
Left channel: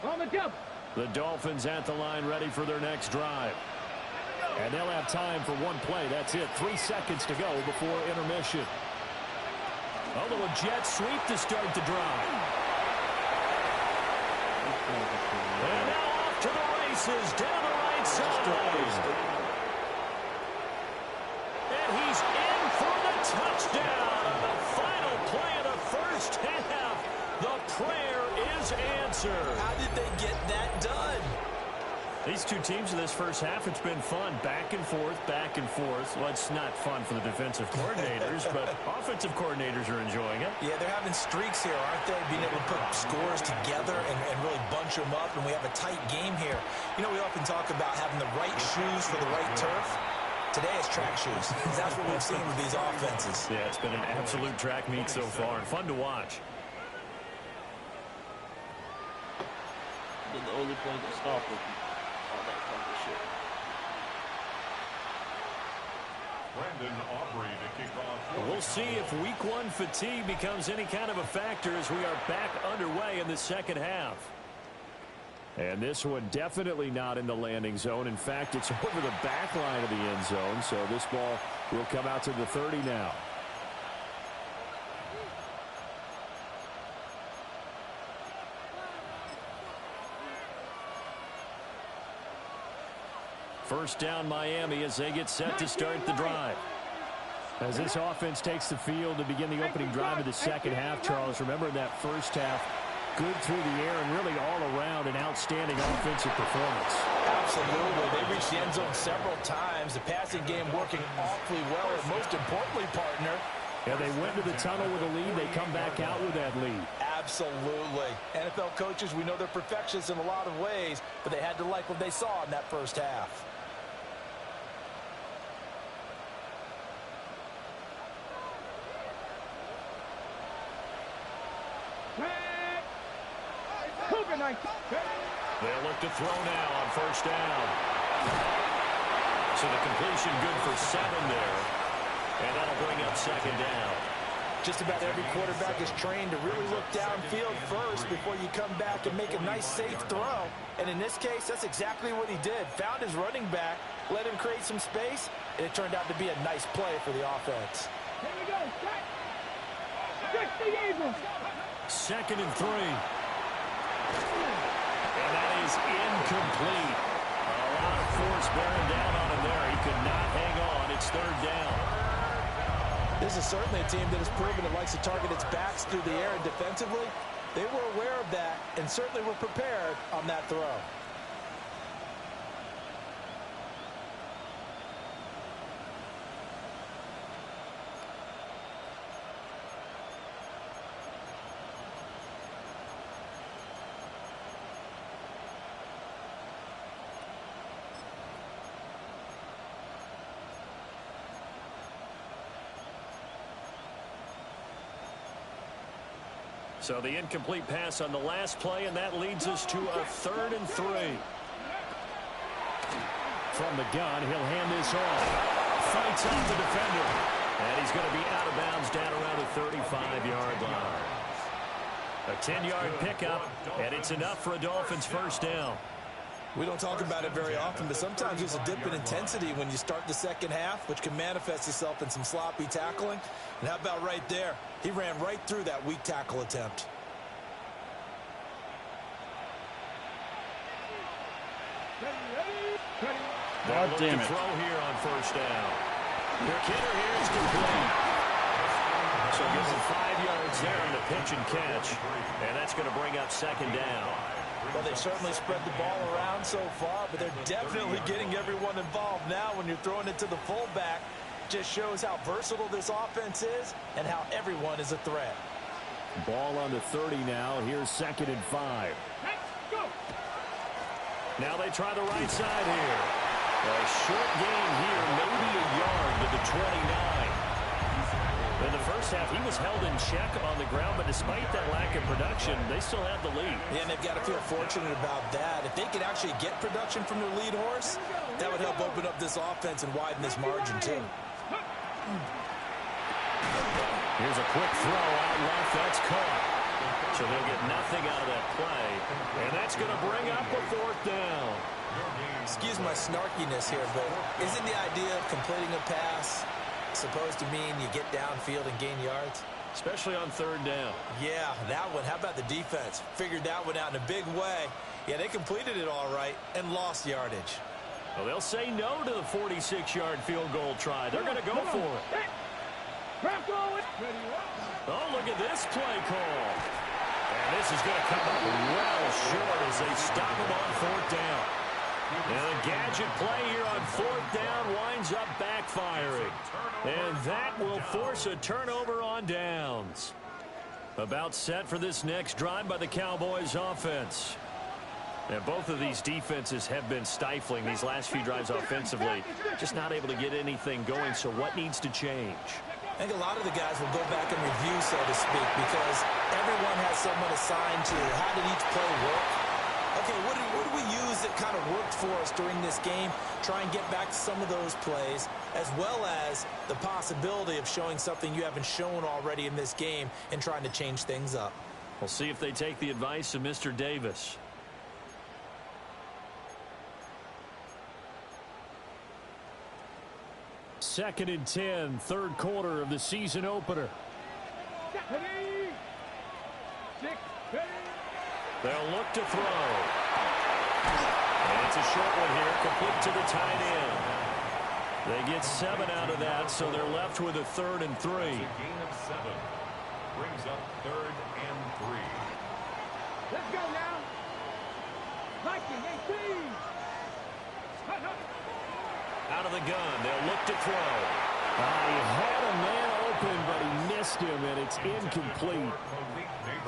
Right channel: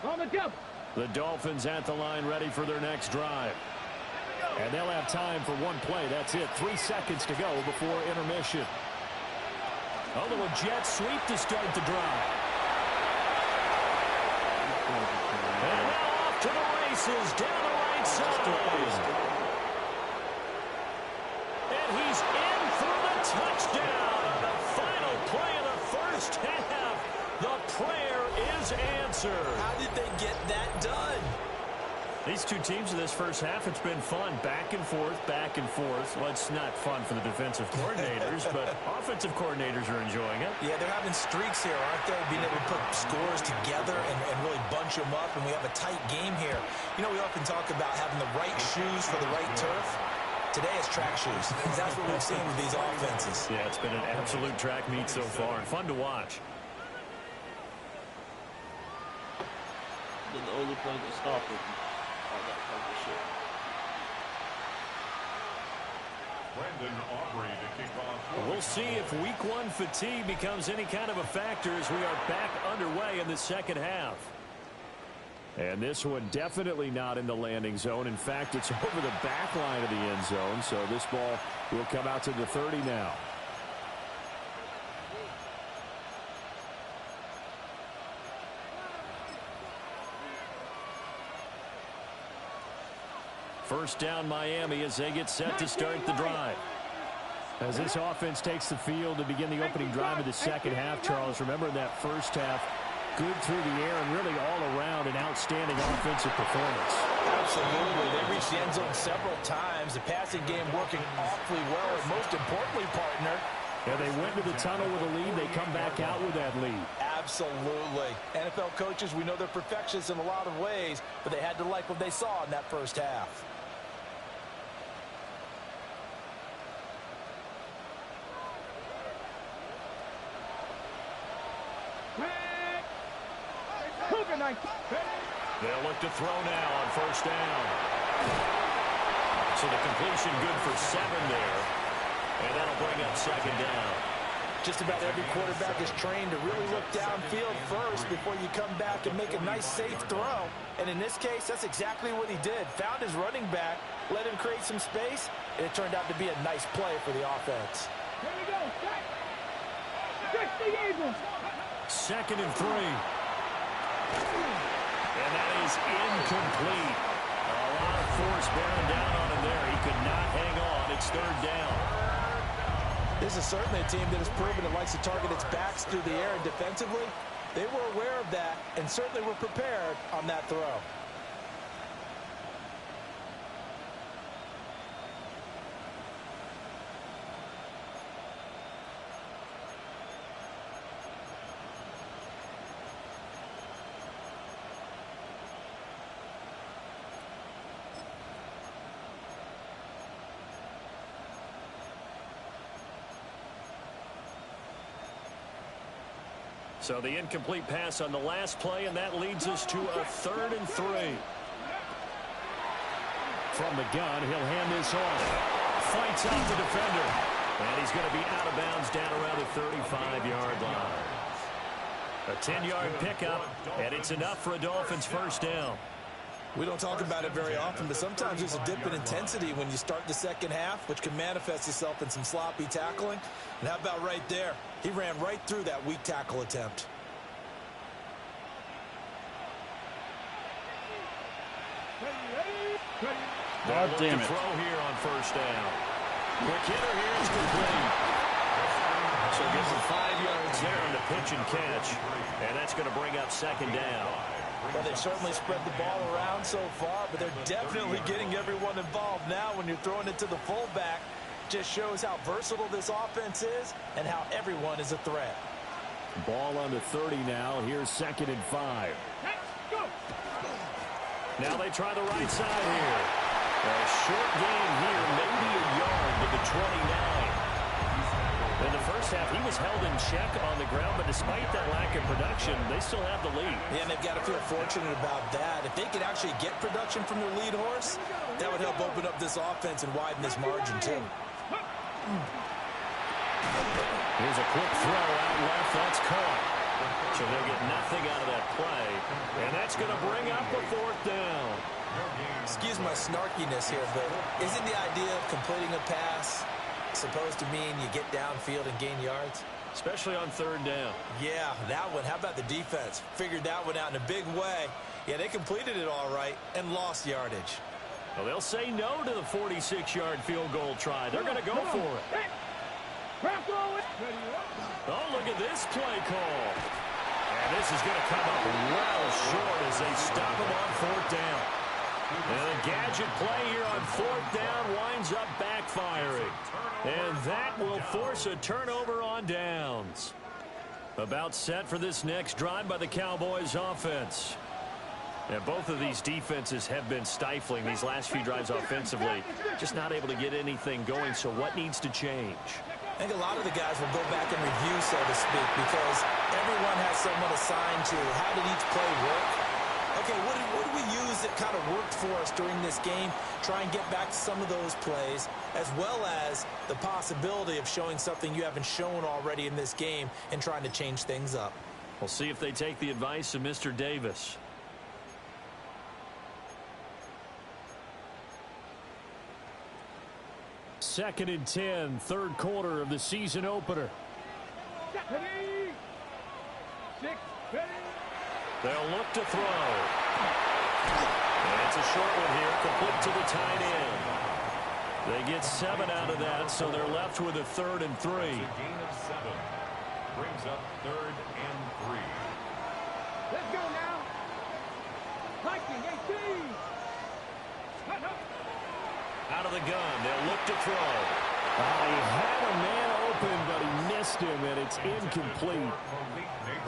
On the double. The Dolphins at the line ready for their next drive. And they'll have time for one play. That's it. 3 seconds to go before intermission. A little jet sweep to start the drive. And now off to the races down the right side. And he's in for the touchdown on the final play of the first half. The prayer is answered. How did they get that done? These two teams in this first half, it's been fun. Back and forth, back and forth. Well, it's not fun for the defensive coordinators, but offensive coordinators are enjoying it. Yeah, they're having streaks here, aren't they? Being able to put scores together and really bunch them up, and we have a tight game here. You know, we often talk about having the right shoes for the right turf. Today it's track shoes. That's what we've seen with these offenses. Yeah, it's been an absolute track meet so far, and fun to watch. The only play to stop with all that kind of shit. Brandon Aubrey to kick off. We'll see if week 1 fatigue becomes any kind of a factor as we are back underway in the second half. And this one definitely not in the landing zone. In fact, it's over the back line of the end zone, so this ball will come out to the 30 now. First down Miami as they get set to start the drive. As this offense takes the field to begin the opening drive of the second half, Charles, remember in that first half, Good through the air and really all around an outstanding offensive performance. Absolutely. They reached the end zone several times. The passing game working awfully well, and most importantly, partner, yeah, they went to the tunnel with a lead. They come back out with that lead. Absolutely. NFL coaches, we know they're perfectionists in a lot of ways, but they had to like what they saw in that first half. They'll look to throw now on first down. So the completion good for 7 there. And that'll bring up second down. Just about every quarterback is trained to really look downfield first before you come back and make a nice, safe throw. And in this case, that's exactly what he did. Found his running back, let him create some space, and it turned out to be a nice play for the offense. Here we go. Second and 3. And that is incomplete. A lot of force bearing down on him there. He could not hang on. It's third down. This is certainly a team that has proven it likes to target its backs through the air, and defensively, they were aware of that and certainly were prepared on that throw. So the incomplete pass on the last play, and that leads us to a 3rd and 3. From the gun, he'll hand this off. Fights off the defender. And he's going to be out of bounds down around the 35-yard line. A 10-yard pickup, and it's enough for a Dolphins first down. We don't talk about it very often, but sometimes there's a dip in intensity when you start the second half, which can manifest itself in some sloppy tackling. And how about right there? He ran right through that weak tackle attempt. God damn it. Throw here on first down. Quick hitter here is complete. So gives him 5 yards there on the pitch and catch. And that's going to bring up second down. Well, they've certainly spread the ball around so far, but they're definitely getting everyone involved now when you're throwing it to the fullback. Just shows how versatile this offense is and how everyone is a threat. Ball on the 30 now. Here's 2nd and 5. Now they try the right side here. A short gain here, maybe a yard to the 29. In the first half, he was held in check on the ground, but despite that lack of production, they still have the lead. Yeah, and they've got to feel fortunate about that. If they could actually get production from their lead horse, that would help open up this offense and widen this margin, too. Here's a quick throw out left. That's caught. So they'll get nothing out of that play. And that's going to bring up a 4th down. Excuse my snarkiness here, but isn't the idea of completing a pass supposed to mean you get downfield and gain yards? Especially on 3rd down. Yeah, that one. How about the defense? Figured that one out in a big way. Yeah, they completed it all right and lost yardage. Well, they'll say no to the 46-yard field goal try. They're going to go for it. Oh, look at this play call. And this is going to come up well short as they stop him on 4th down. And a gadget play here on 4th down winds up backfiring. And that will force a turnover on downs. About set for this next drive by the Cowboys offense. And both of these defenses have been stifling these last few drives offensively. Just not able to get anything going, so what needs to change? I think a lot of the guys will go back and review, so to speak, because everyone has someone assigned to how did each play work. Okay, what did we use that kind of worked for us during this game? Try and get back to some of those plays, as well as the possibility of showing something you haven't shown already in this game and trying to change things up. We'll see if they take the advice of Mr. Davis. Second and 10, 3rd quarter of the season opener. They'll look to throw. And it's a short one here, complete to the tight end. They get 7 out of that, so they're left with a 3rd and 3. That's a gain of 7. Brings up 3rd and 3. Let's go now. 19, 18. Hut, hut. Out of the gun, they'll look to throw. He had a man open, but he missed him, and it's incomplete.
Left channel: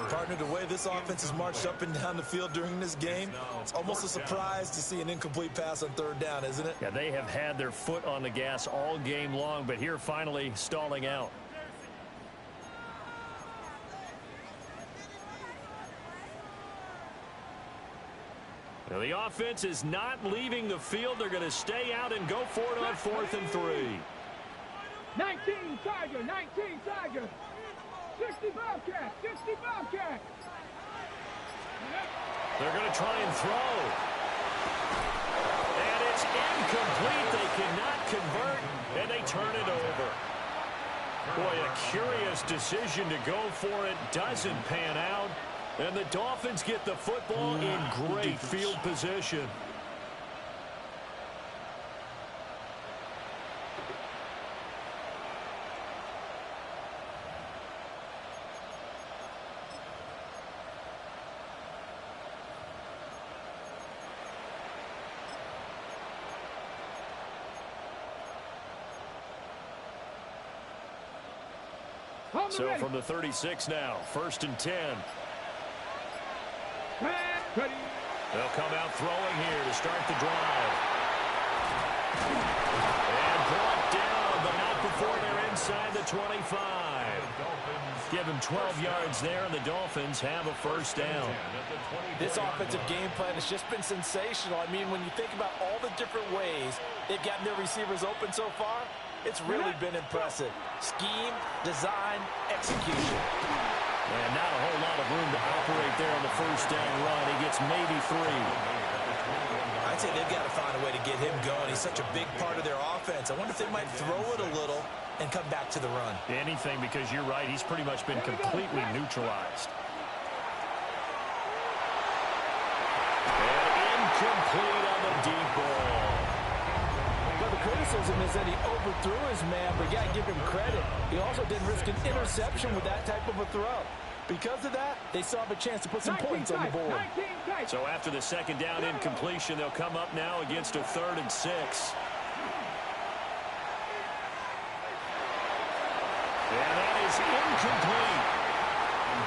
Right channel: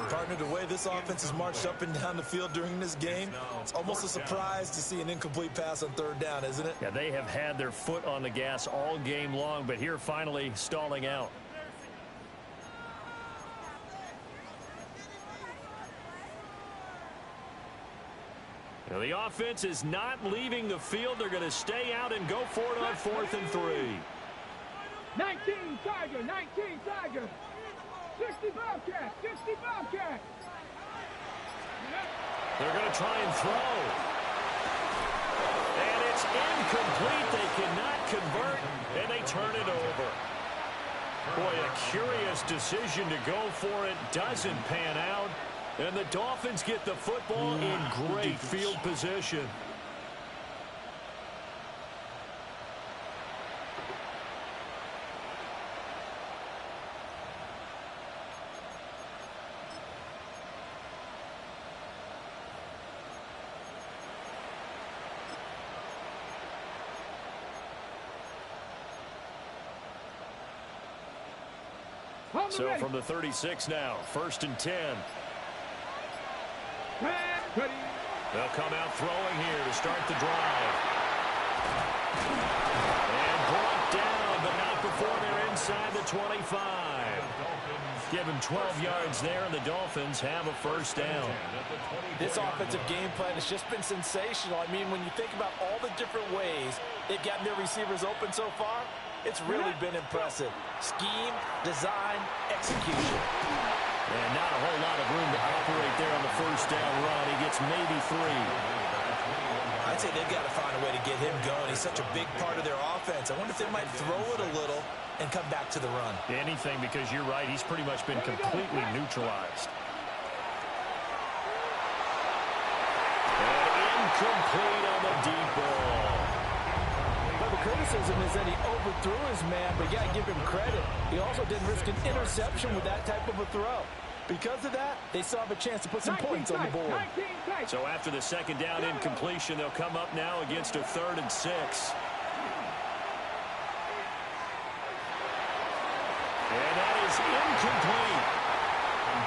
Partner, the way this offense has marched up and down the field during this game, it's almost a surprise to see an incomplete pass on third down, isn't it? Yeah, they have had their foot on the gas all game long, but here finally stalling out. Now, the offense is not leaving the field. They're going to stay out and go for it on 4th and 3. 19 Tiger, 19 Tiger. 60 Bobcat, 60 Bobcat. They're going to try and throw. And it's incomplete. They cannot convert, and they turn it over. Boy, a curious decision to go for it. Doesn't pan out. And the Dolphins get the football in great field position. So from the 36 now, 1st and 10. Ready. They'll come out throwing here to start the drive. And brought down, but not before they're inside the 25. Give them 12 yards there, and the Dolphins have a first down. This offensive game plan has just been sensational. I mean, when you think about all the different ways they've gotten their receivers open so far, it's really been impressive. Scheme, design, execution. And not a whole lot of room to operate there on the first down run. He gets maybe 3. I'd say they've got to find a way to get him going. He's such a big part of their offense. I wonder if they might throw it a little and come back to the run. Anything, because you're right. He's pretty much been completely neutralized. And incomplete on the deep ball. But the criticism is that he overthrew his man, but you got to give him credit. He also didn't risk an interception with that type of a throw. Because of that, they still have a chance to put some points on the board. So after the second down incompletion, they'll come up now against a 3rd and 6. And that is incomplete.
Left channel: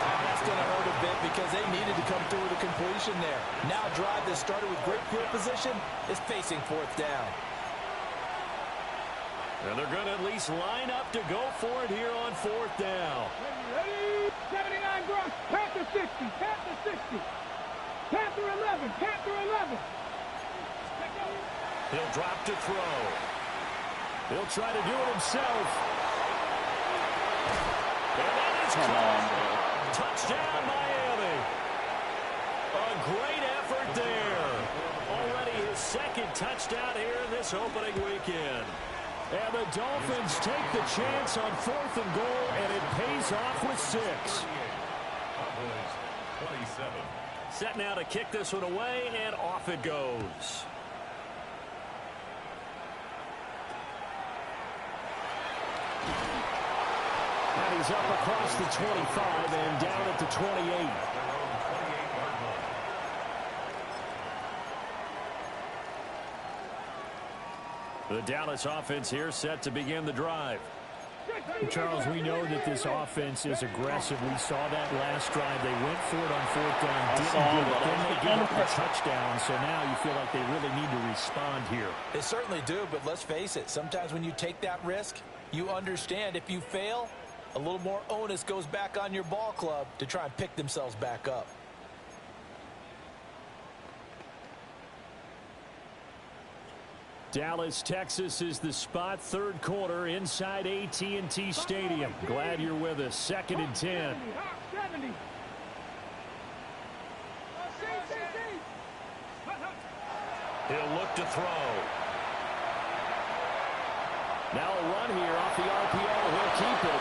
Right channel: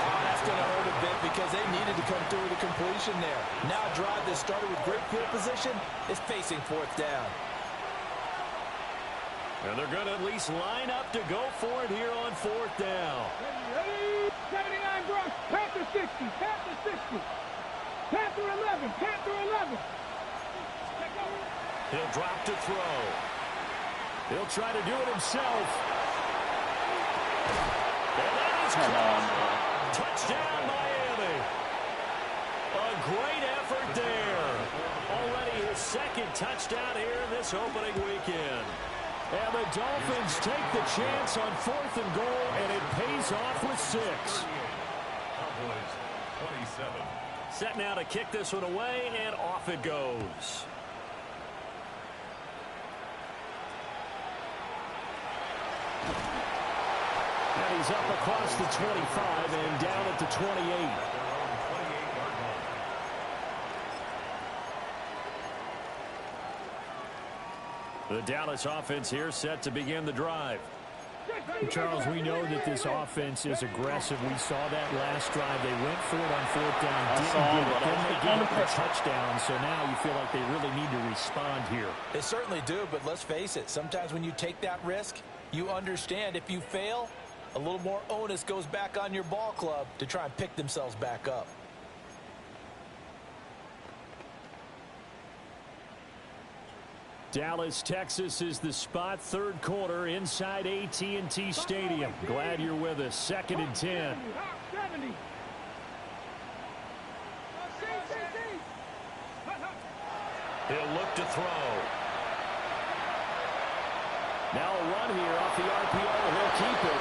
Oh, that's going to hurt a bit because they needed to come through with a completion there. Now a drive that started with great field position is facing 4th down. And they're going to at least line up to go for it here on 4th down. Ready. 79 Bronx. Panther 60. Panther 60. Panther 11. Panther 11. He'll drop to throw. He'll try to do it himself. And that is caught. Touchdown, Miami. A great effort there. Already his 2nd touchdown here in this opening weekend. And the Dolphins take the chance on 4th and goal, and it pays off with 6. Cowboys 27. Set now to kick this one away, and off it goes. And he's up across the 25 and down at the 28. The Dallas offense here set to begin the drive. Charles, we know that this offense is aggressive. We saw that last drive. They went for it on 4th down, didn't get it. Then they gave up the touchdown, so now you feel like they really need to respond here. They certainly do, but let's face it. Sometimes when you take that risk, you understand if you fail, a little more onus goes back on your ball club to try and pick themselves back up. Dallas, Texas is the spot. 3rd quarter inside AT&T Stadium. Glad you're with us. 2nd and 10. 70. He'll look to throw. Now a run here off the RPO. He'll keep it.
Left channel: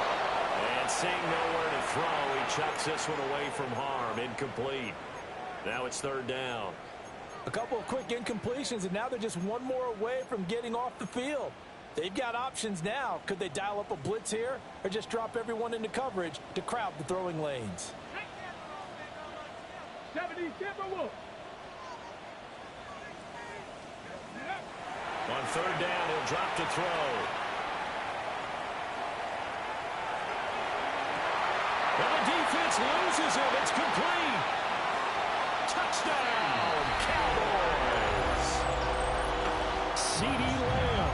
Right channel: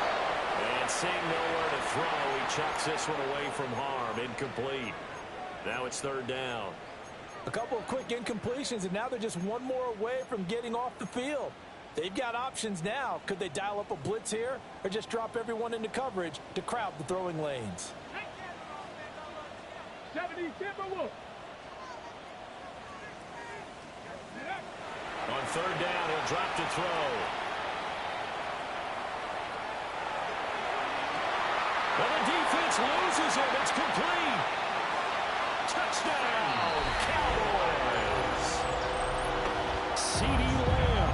And seeing nowhere to throw, he chucks this one away from harm. Incomplete. Now it's 3rd down. A couple of quick incompletions, and now they're just one more away from getting off the field. They've got options now. Could they dial up a blitz here or just drop everyone into coverage to crowd the throwing lanes? 70 Timberwolves. On third down, he'll drop to throw. And the defense loses him. It's complete. Touchdown, Cowboys. CeeDee Lamb,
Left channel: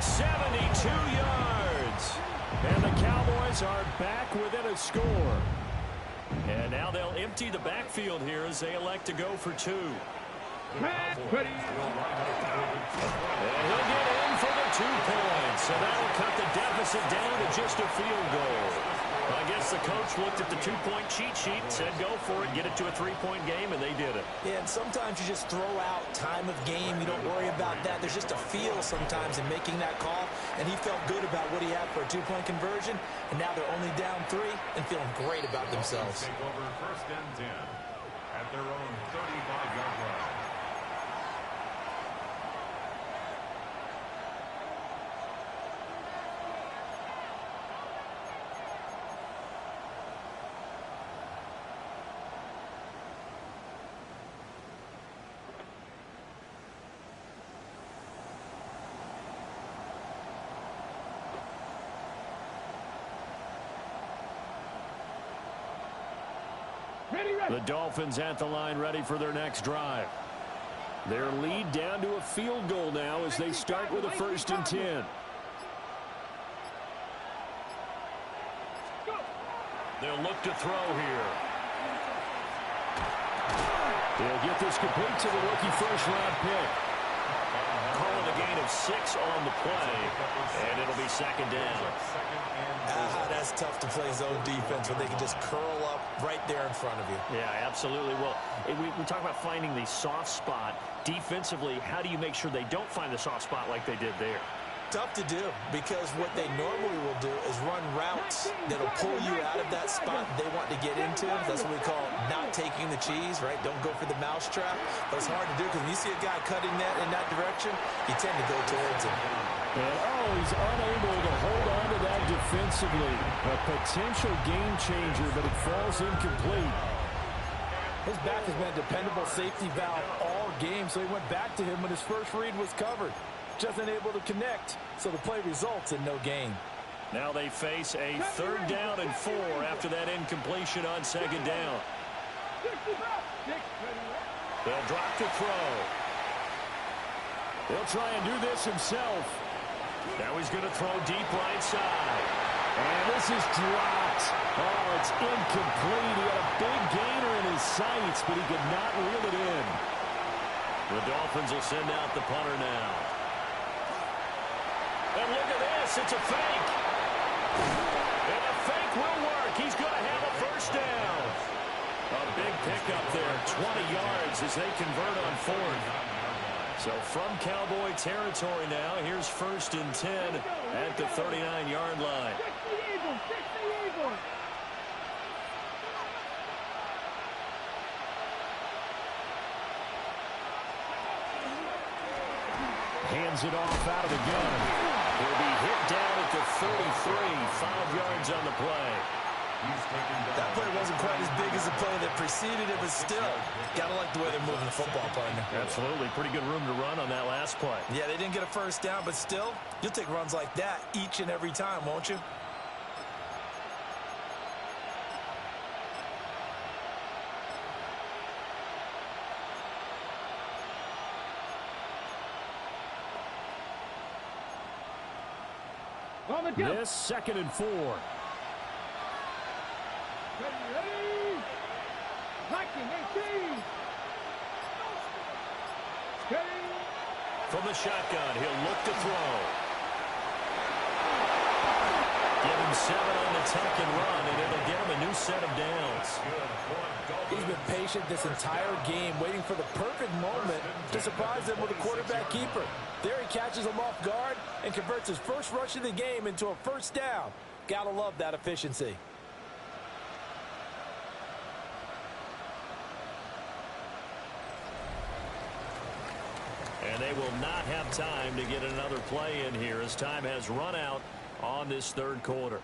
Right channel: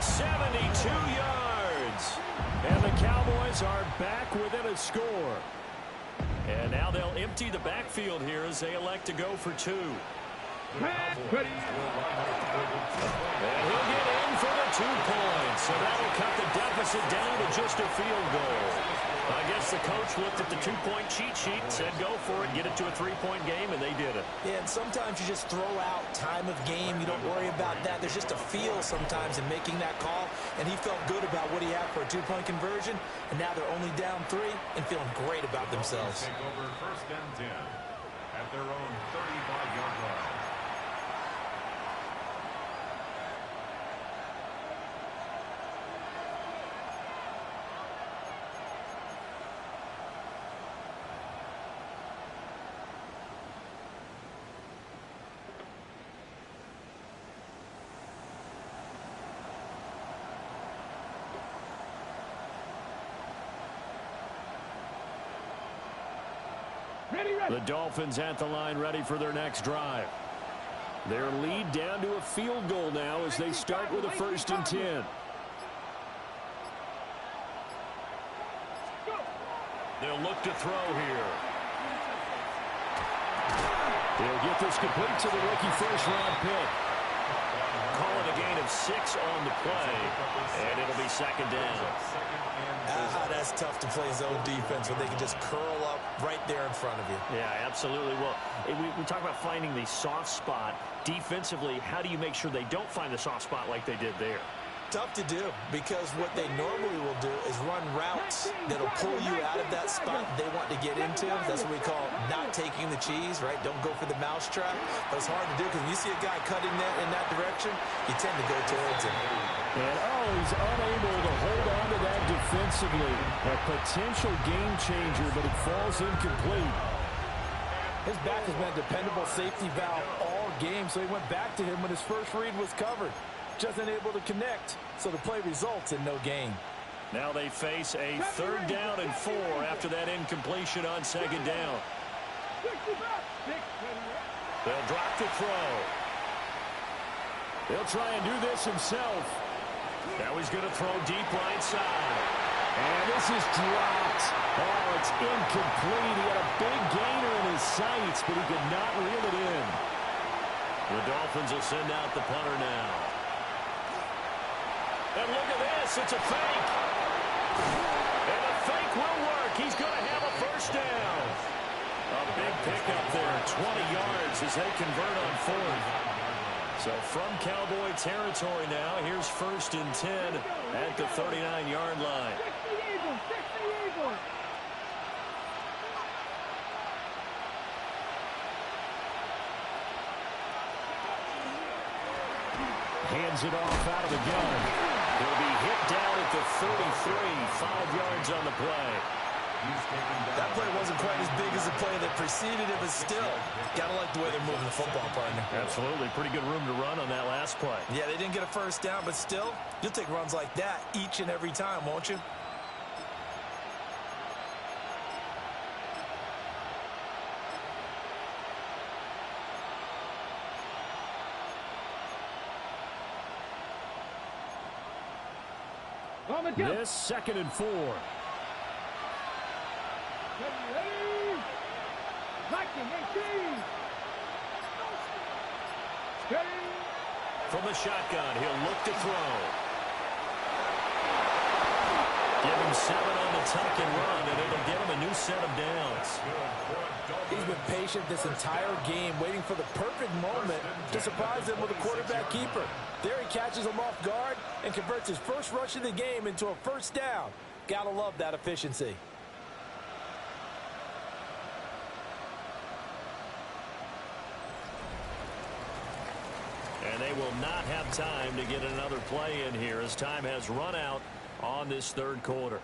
72 yards. And the Cowboys are back within a score. And now they'll empty the backfield here as they elect to go for two. And he'll get in for the 2 points. So that'll cut the deficit down to just a field goal. I guess the coach looked at the 2-point cheat sheet and said, go for it, get it to a 3-point game, and they did it. Yeah, and sometimes you just throw out time of game. You don't worry about that. There's just a feel sometimes in making that call, and he felt good about what he had for a 2-point conversion, and now they're only down 3 and feeling great about themselves. Take over first and 10 at their own 35-yard line. The Dolphins at the line ready for their next drive. Their lead down to a field goal now as they start with a 1st and 10. They'll look to throw here. He'll get this complete to the rookie first-round pick. Call it a gain of 6 on the play, and it'll be 2nd down. That's tough to play zone defense when they can just curl up right there in front of you. Yeah, absolutely. Well, we talk about finding the soft spot. Defensively, how do you make sure they don't find the soft spot like they did there? Tough to do, because what they normally will do is run routes that'll pull you out of that spot they want to get into. That's what we call not taking the cheese, right? Don't go for the mousetrap. But it's hard to do because when you see a guy cutting that in that direction, you tend to go towards him. And, he's unable to hold on to that defensively. A potential game changer, but it falls incomplete. His back has been a dependable safety valve all game, so he went back to him when his first read was covered. Just unable to connect, so the play results in no gain. Now they face a 3rd down and 4 after that incompletion on 2nd down. They'll drop to throw. He'll try and do this himself. Now he's going to throw deep right side. And this is dropped. Oh, it's incomplete. He had a big gainer in his sights, but he could not reel it in. The Dolphins will send out the punter now. And look at this. It's a fake. And the fake will work. He's going to have a 1st down. A big pickup there. 20 yards as they convert on 4th. So from Cowboy territory now, here's 1st and 10 at the 39-yard line. Hands it off out of the gun. He'll be hit down at the 33, 5 yards on the play. That play wasn't quite as big as the play that preceded it, but still, gotta like the way they're moving the football, partner. Absolutely. Pretty good room to run on that last play. Yeah, they didn't get a 1st down, but still, you'll take runs like that each and every time, won't you? This 2nd and 4. Ready. Blocking 18. Steady. From the shotgun, he'll look to throw. Give him 7 on the tuck and run, and it'll get him a new set of downs. He's been patient this entire game, waiting for the perfect moment to surprise them with a quarterback keeper. There he catches him off guard and converts his first rush of the game into a 1st down. Gotta love that efficiency. And they will not have time to get another play in here as time has run out on this 3rd quarter.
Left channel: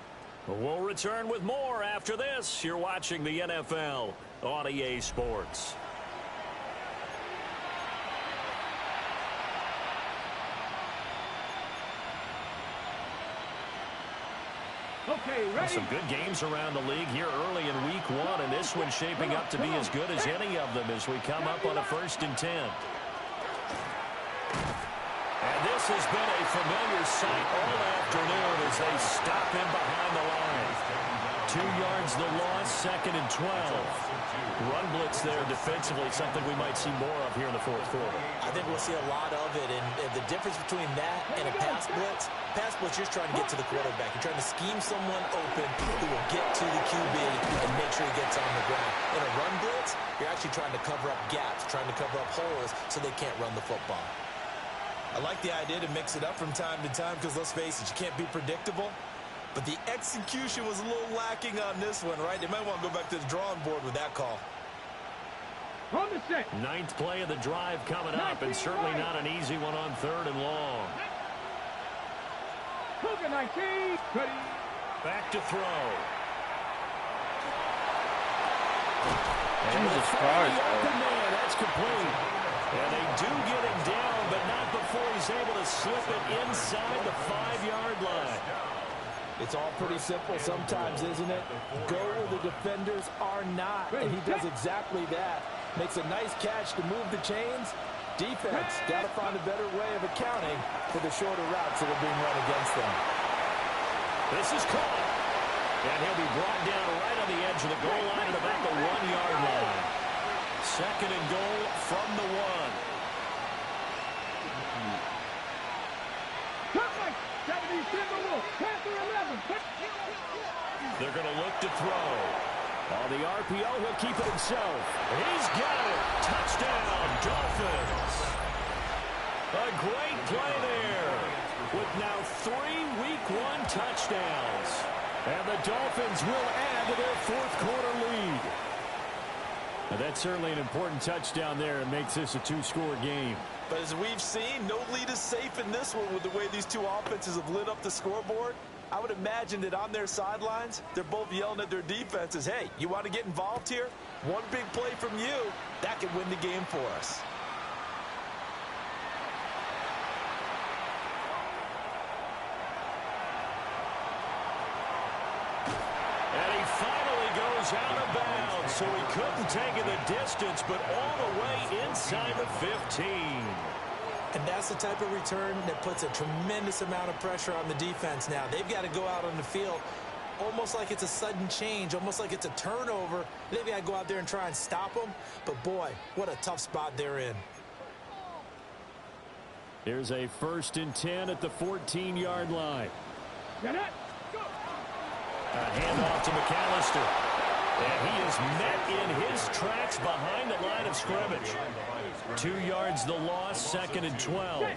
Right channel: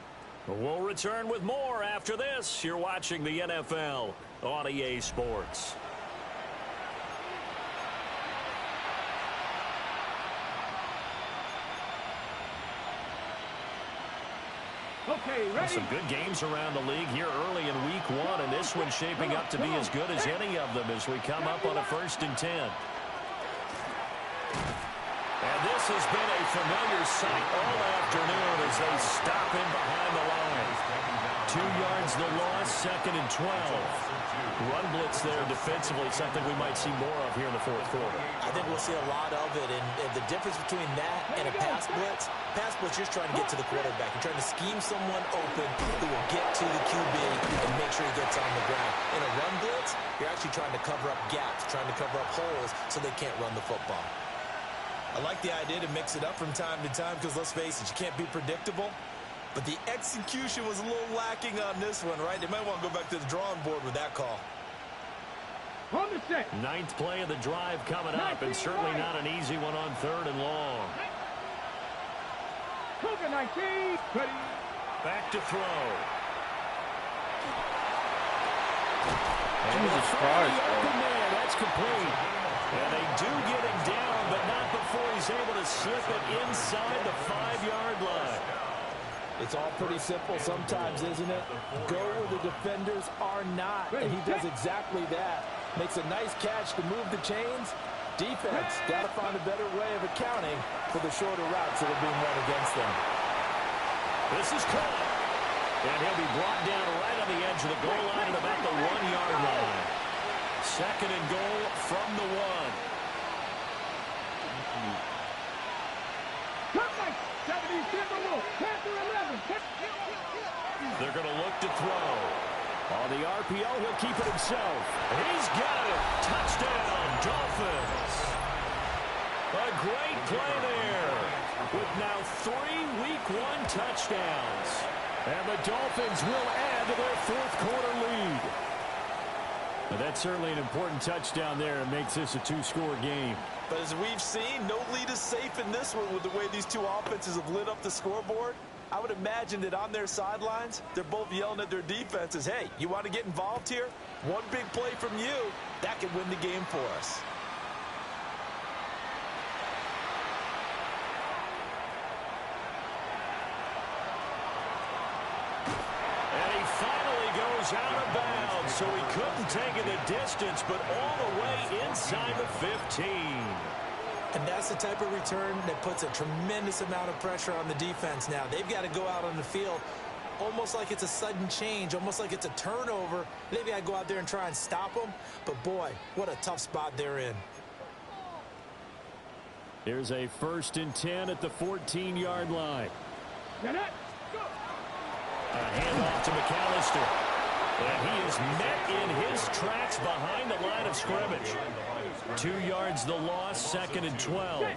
We'll return with more after this. You're watching the NFL on EA Sports. Okay, ready? Some good games around the league here early in week 1, and this one's shaping up to be as good as any of them as we come up on a 1st and 10. And this has been a familiar sight all afternoon as they stop him behind the line. 2 yards the loss, 2nd and 12. Run blitz there defensively, something we might see more of here in the 4th quarter. I think we'll see a lot of it, and the difference between that and a pass blitz, you're just trying to get to the quarterback. You're trying to scheme someone open who will get to the QB and make sure he gets on the ground. In a run blitz, you're actually trying to cover up gaps, trying to cover up holes so they can't run the football. I like the idea to mix it up from time to time because, let's face it, you can't be predictable. But the execution was a little lacking on this one, right? They might want to go back to the drawing board with that call. On the set. 9th play of the drive coming up, and certainly not an easy one on 3rd and long. Cougar 19. Ready. Back to throw. Jesus Christ, bro. Man, that's complete. And they do get him down, but not before he's able to slip it inside the 5-yard line. It's all pretty simple sometimes, isn't it? Go where the defenders are not, and he does exactly that. Makes a nice catch to move the chains. Defense got to find a better way of accounting for the shorter routes that are being run against them. This is caught. And he'll be brought down right on the edge of the goal line at about the 1-yard line. 2nd and goal from the 1. They're going to look to throw. On the RPO, he'll keep it himself. He's got it. Touchdown, Dolphins. A great play there with now 3 Week 1 touchdowns. And the Dolphins will add to their 4th quarter lead. Now, that's certainly an important touchdown there. It makes this a 2-score game. But as we've seen, no lead is safe in this one with the way these two offenses have lit up the scoreboard. I would imagine that on their sidelines, they're both yelling at their defenses, hey, you want to get involved here? One big play from you, that could win the game for us. And he finally goes out of bounds, so he couldn't take it the distance, but all the way inside the 15. And that's the type of return that puts a tremendous amount of pressure on the defense now. They've got to go out on the field almost like it's a sudden change, almost like it's a turnover. They've got to go out there and try and stop them. But, boy, what a tough spot they're in. Here's a 1st and 10 at the 14-yard line. A handoff to McAllister. And he is met in his tracks behind the line of scrimmage. 2 yards the loss, 2nd and 12. 2nd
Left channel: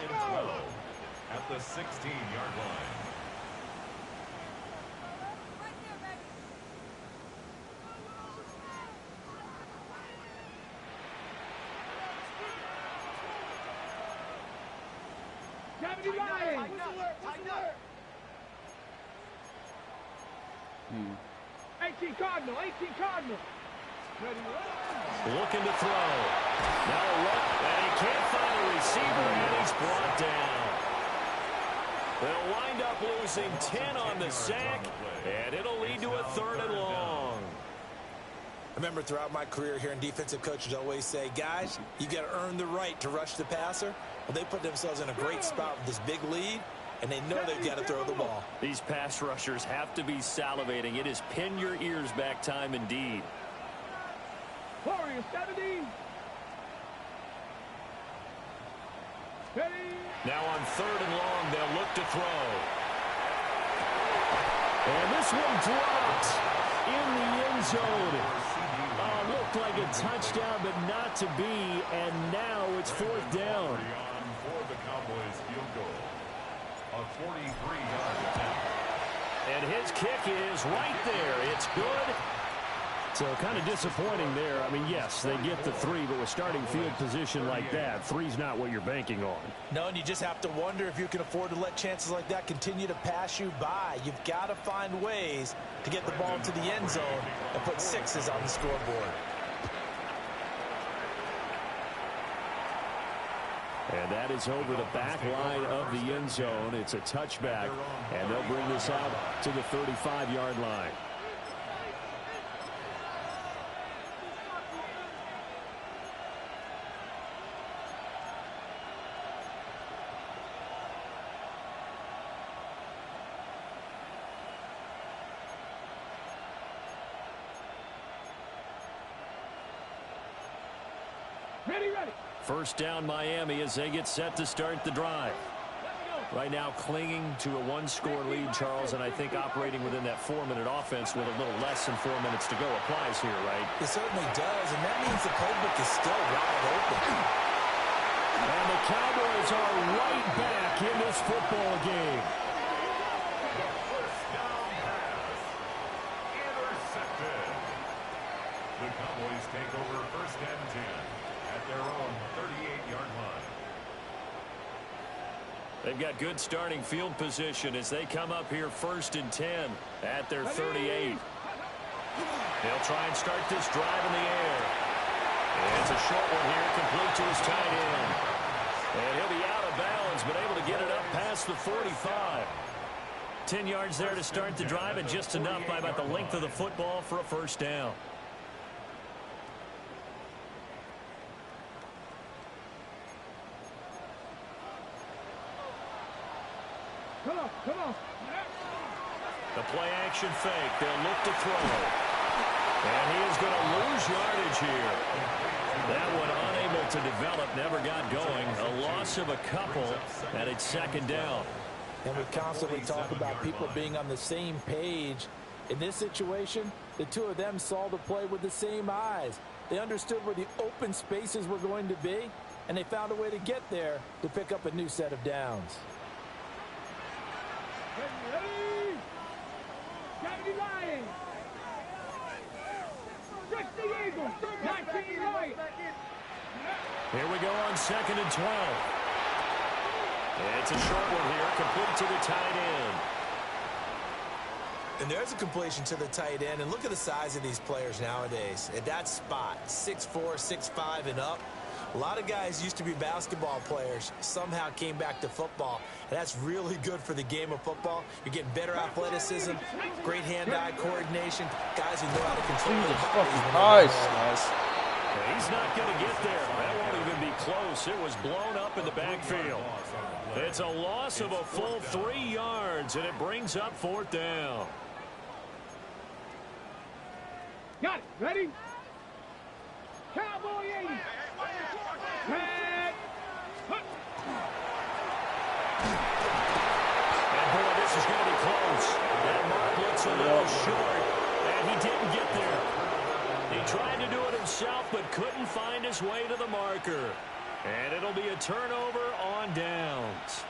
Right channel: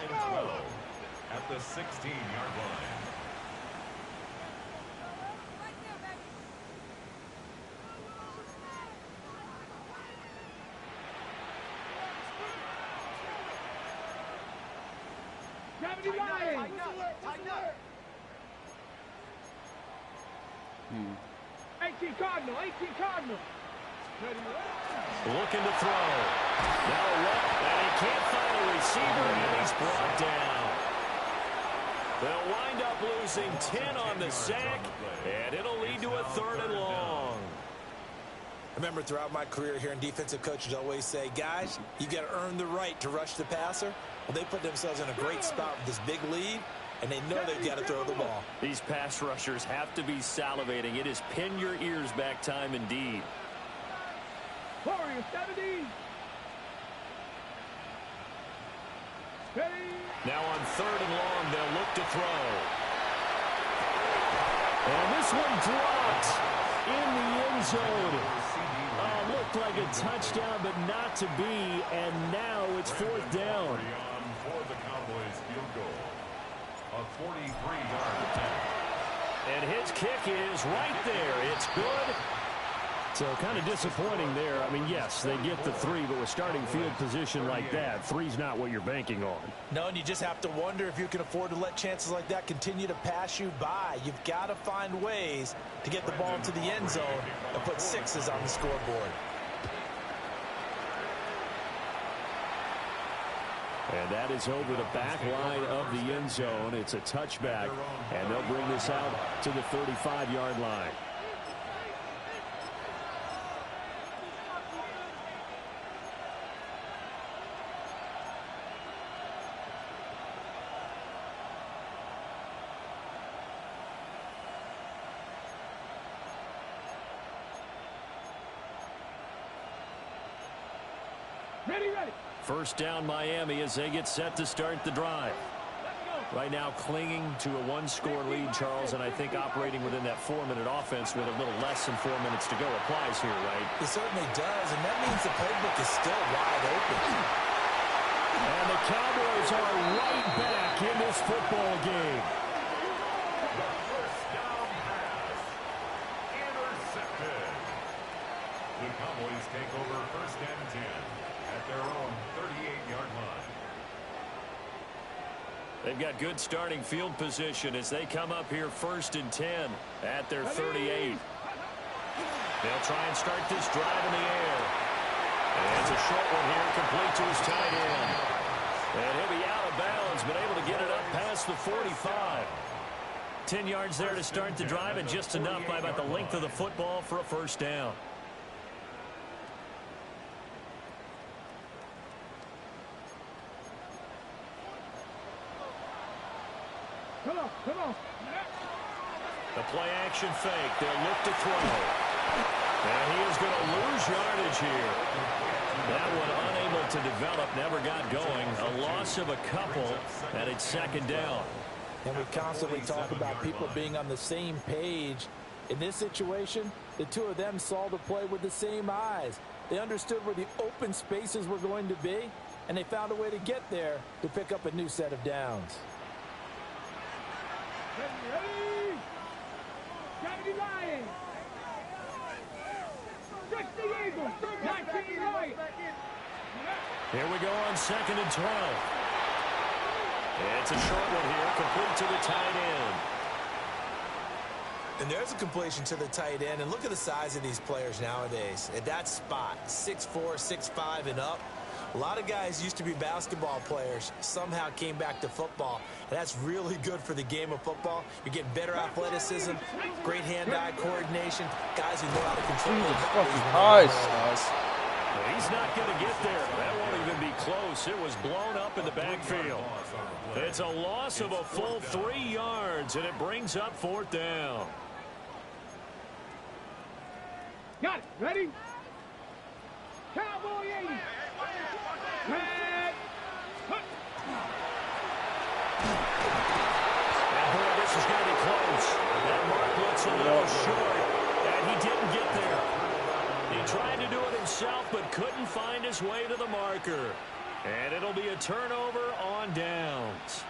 and 12 at the 16-yard line. Tighten up. 18 Cardinal. Looking to throw. Now a look, and he can't find a receiver, and he's brought down. They'll wind up losing 10 on the sack, and it'll lead to a 3rd and long. I remember throughout my career hearing defensive coaches always say, guys, you got to earn the right to rush the passer. Well, they put themselves in a great spot with this big lead, and they know they've got to throw the ball. These pass rushers have to be salivating. It is pin your ears back time indeed. Warriors 70. Now on 3rd and long, they'll look to throw. And this one dropped in the end zone. Looked like a touchdown, but not to be. And now it's 4th down. For the Cowboys field goal. A 43-yard attempt. And his kick is right there. It's good. So kind of disappointing there. I mean, yes, they get the 3, but with starting field position like that, 3's not what you're banking on. No, and you just have to wonder if you can afford to let chances like that continue to pass you by. You've got to find ways to get the ball into the end zone and put 6s on the scoreboard. And that is over the back line of the end zone. It's a touchback, and they'll bring this out to the 35-yard line. Ready. First down Miami as they get set to start the drive. Right now clinging to a 1-score lead, Charles, and I think operating within that 4-minute offense with a little less than 4 minutes to go applies here, right? It certainly does, and that means the playbook is still wide open. And the Cowboys are right back in this football game. The first down pass. Intercepted. The Cowboys take over 1st and 10 at their own 38-yard line. They've got good starting field position as they come up here 1st and 10 at their 38. They'll try and start this drive in the air. And it's a short one here, complete to his tight end. And he'll be out of bounds, but able to get it up past the 45. 10 yards there to start the drive, and just enough by about the length of the football for a first down. Come on. The play action fake. They'll look to throw. And he is going to lose yardage here. That one unable to develop, never got going. A loss of a couple, and it's 2nd down. And we constantly talk about people being on the same page. In this situation, the two of them saw the play with the same eyes. They understood where the open spaces were going to be, and they found a way to get there to pick up a new set of downs. Ready. 70 Lions. 60 Eagles. 19 Lions. Here we go on 2nd and 12. It's a short one here, complete to the tight end. And there's a completion to the tight end. And look at the size of these players nowadays. At that spot, 6'4", 6'5", and up. A lot of guys used to be basketball players, somehow came back to football. And that's really good for the game of football. You're getting better athleticism, great hand-eye coordination, guys who know how to control their bodies. Christ, guys. He's not going to get there. That won't even be close. It was blown up in the backfield. It's a loss of a full 3 yards, and it brings up 4th down. Got it. Ready? Cowboy 80. Red. And boy, this is going to be close. That mark looks a little short, and he didn't get there. He tried to do it himself, but couldn't find his way to the marker. And it'll be a turnover on downs.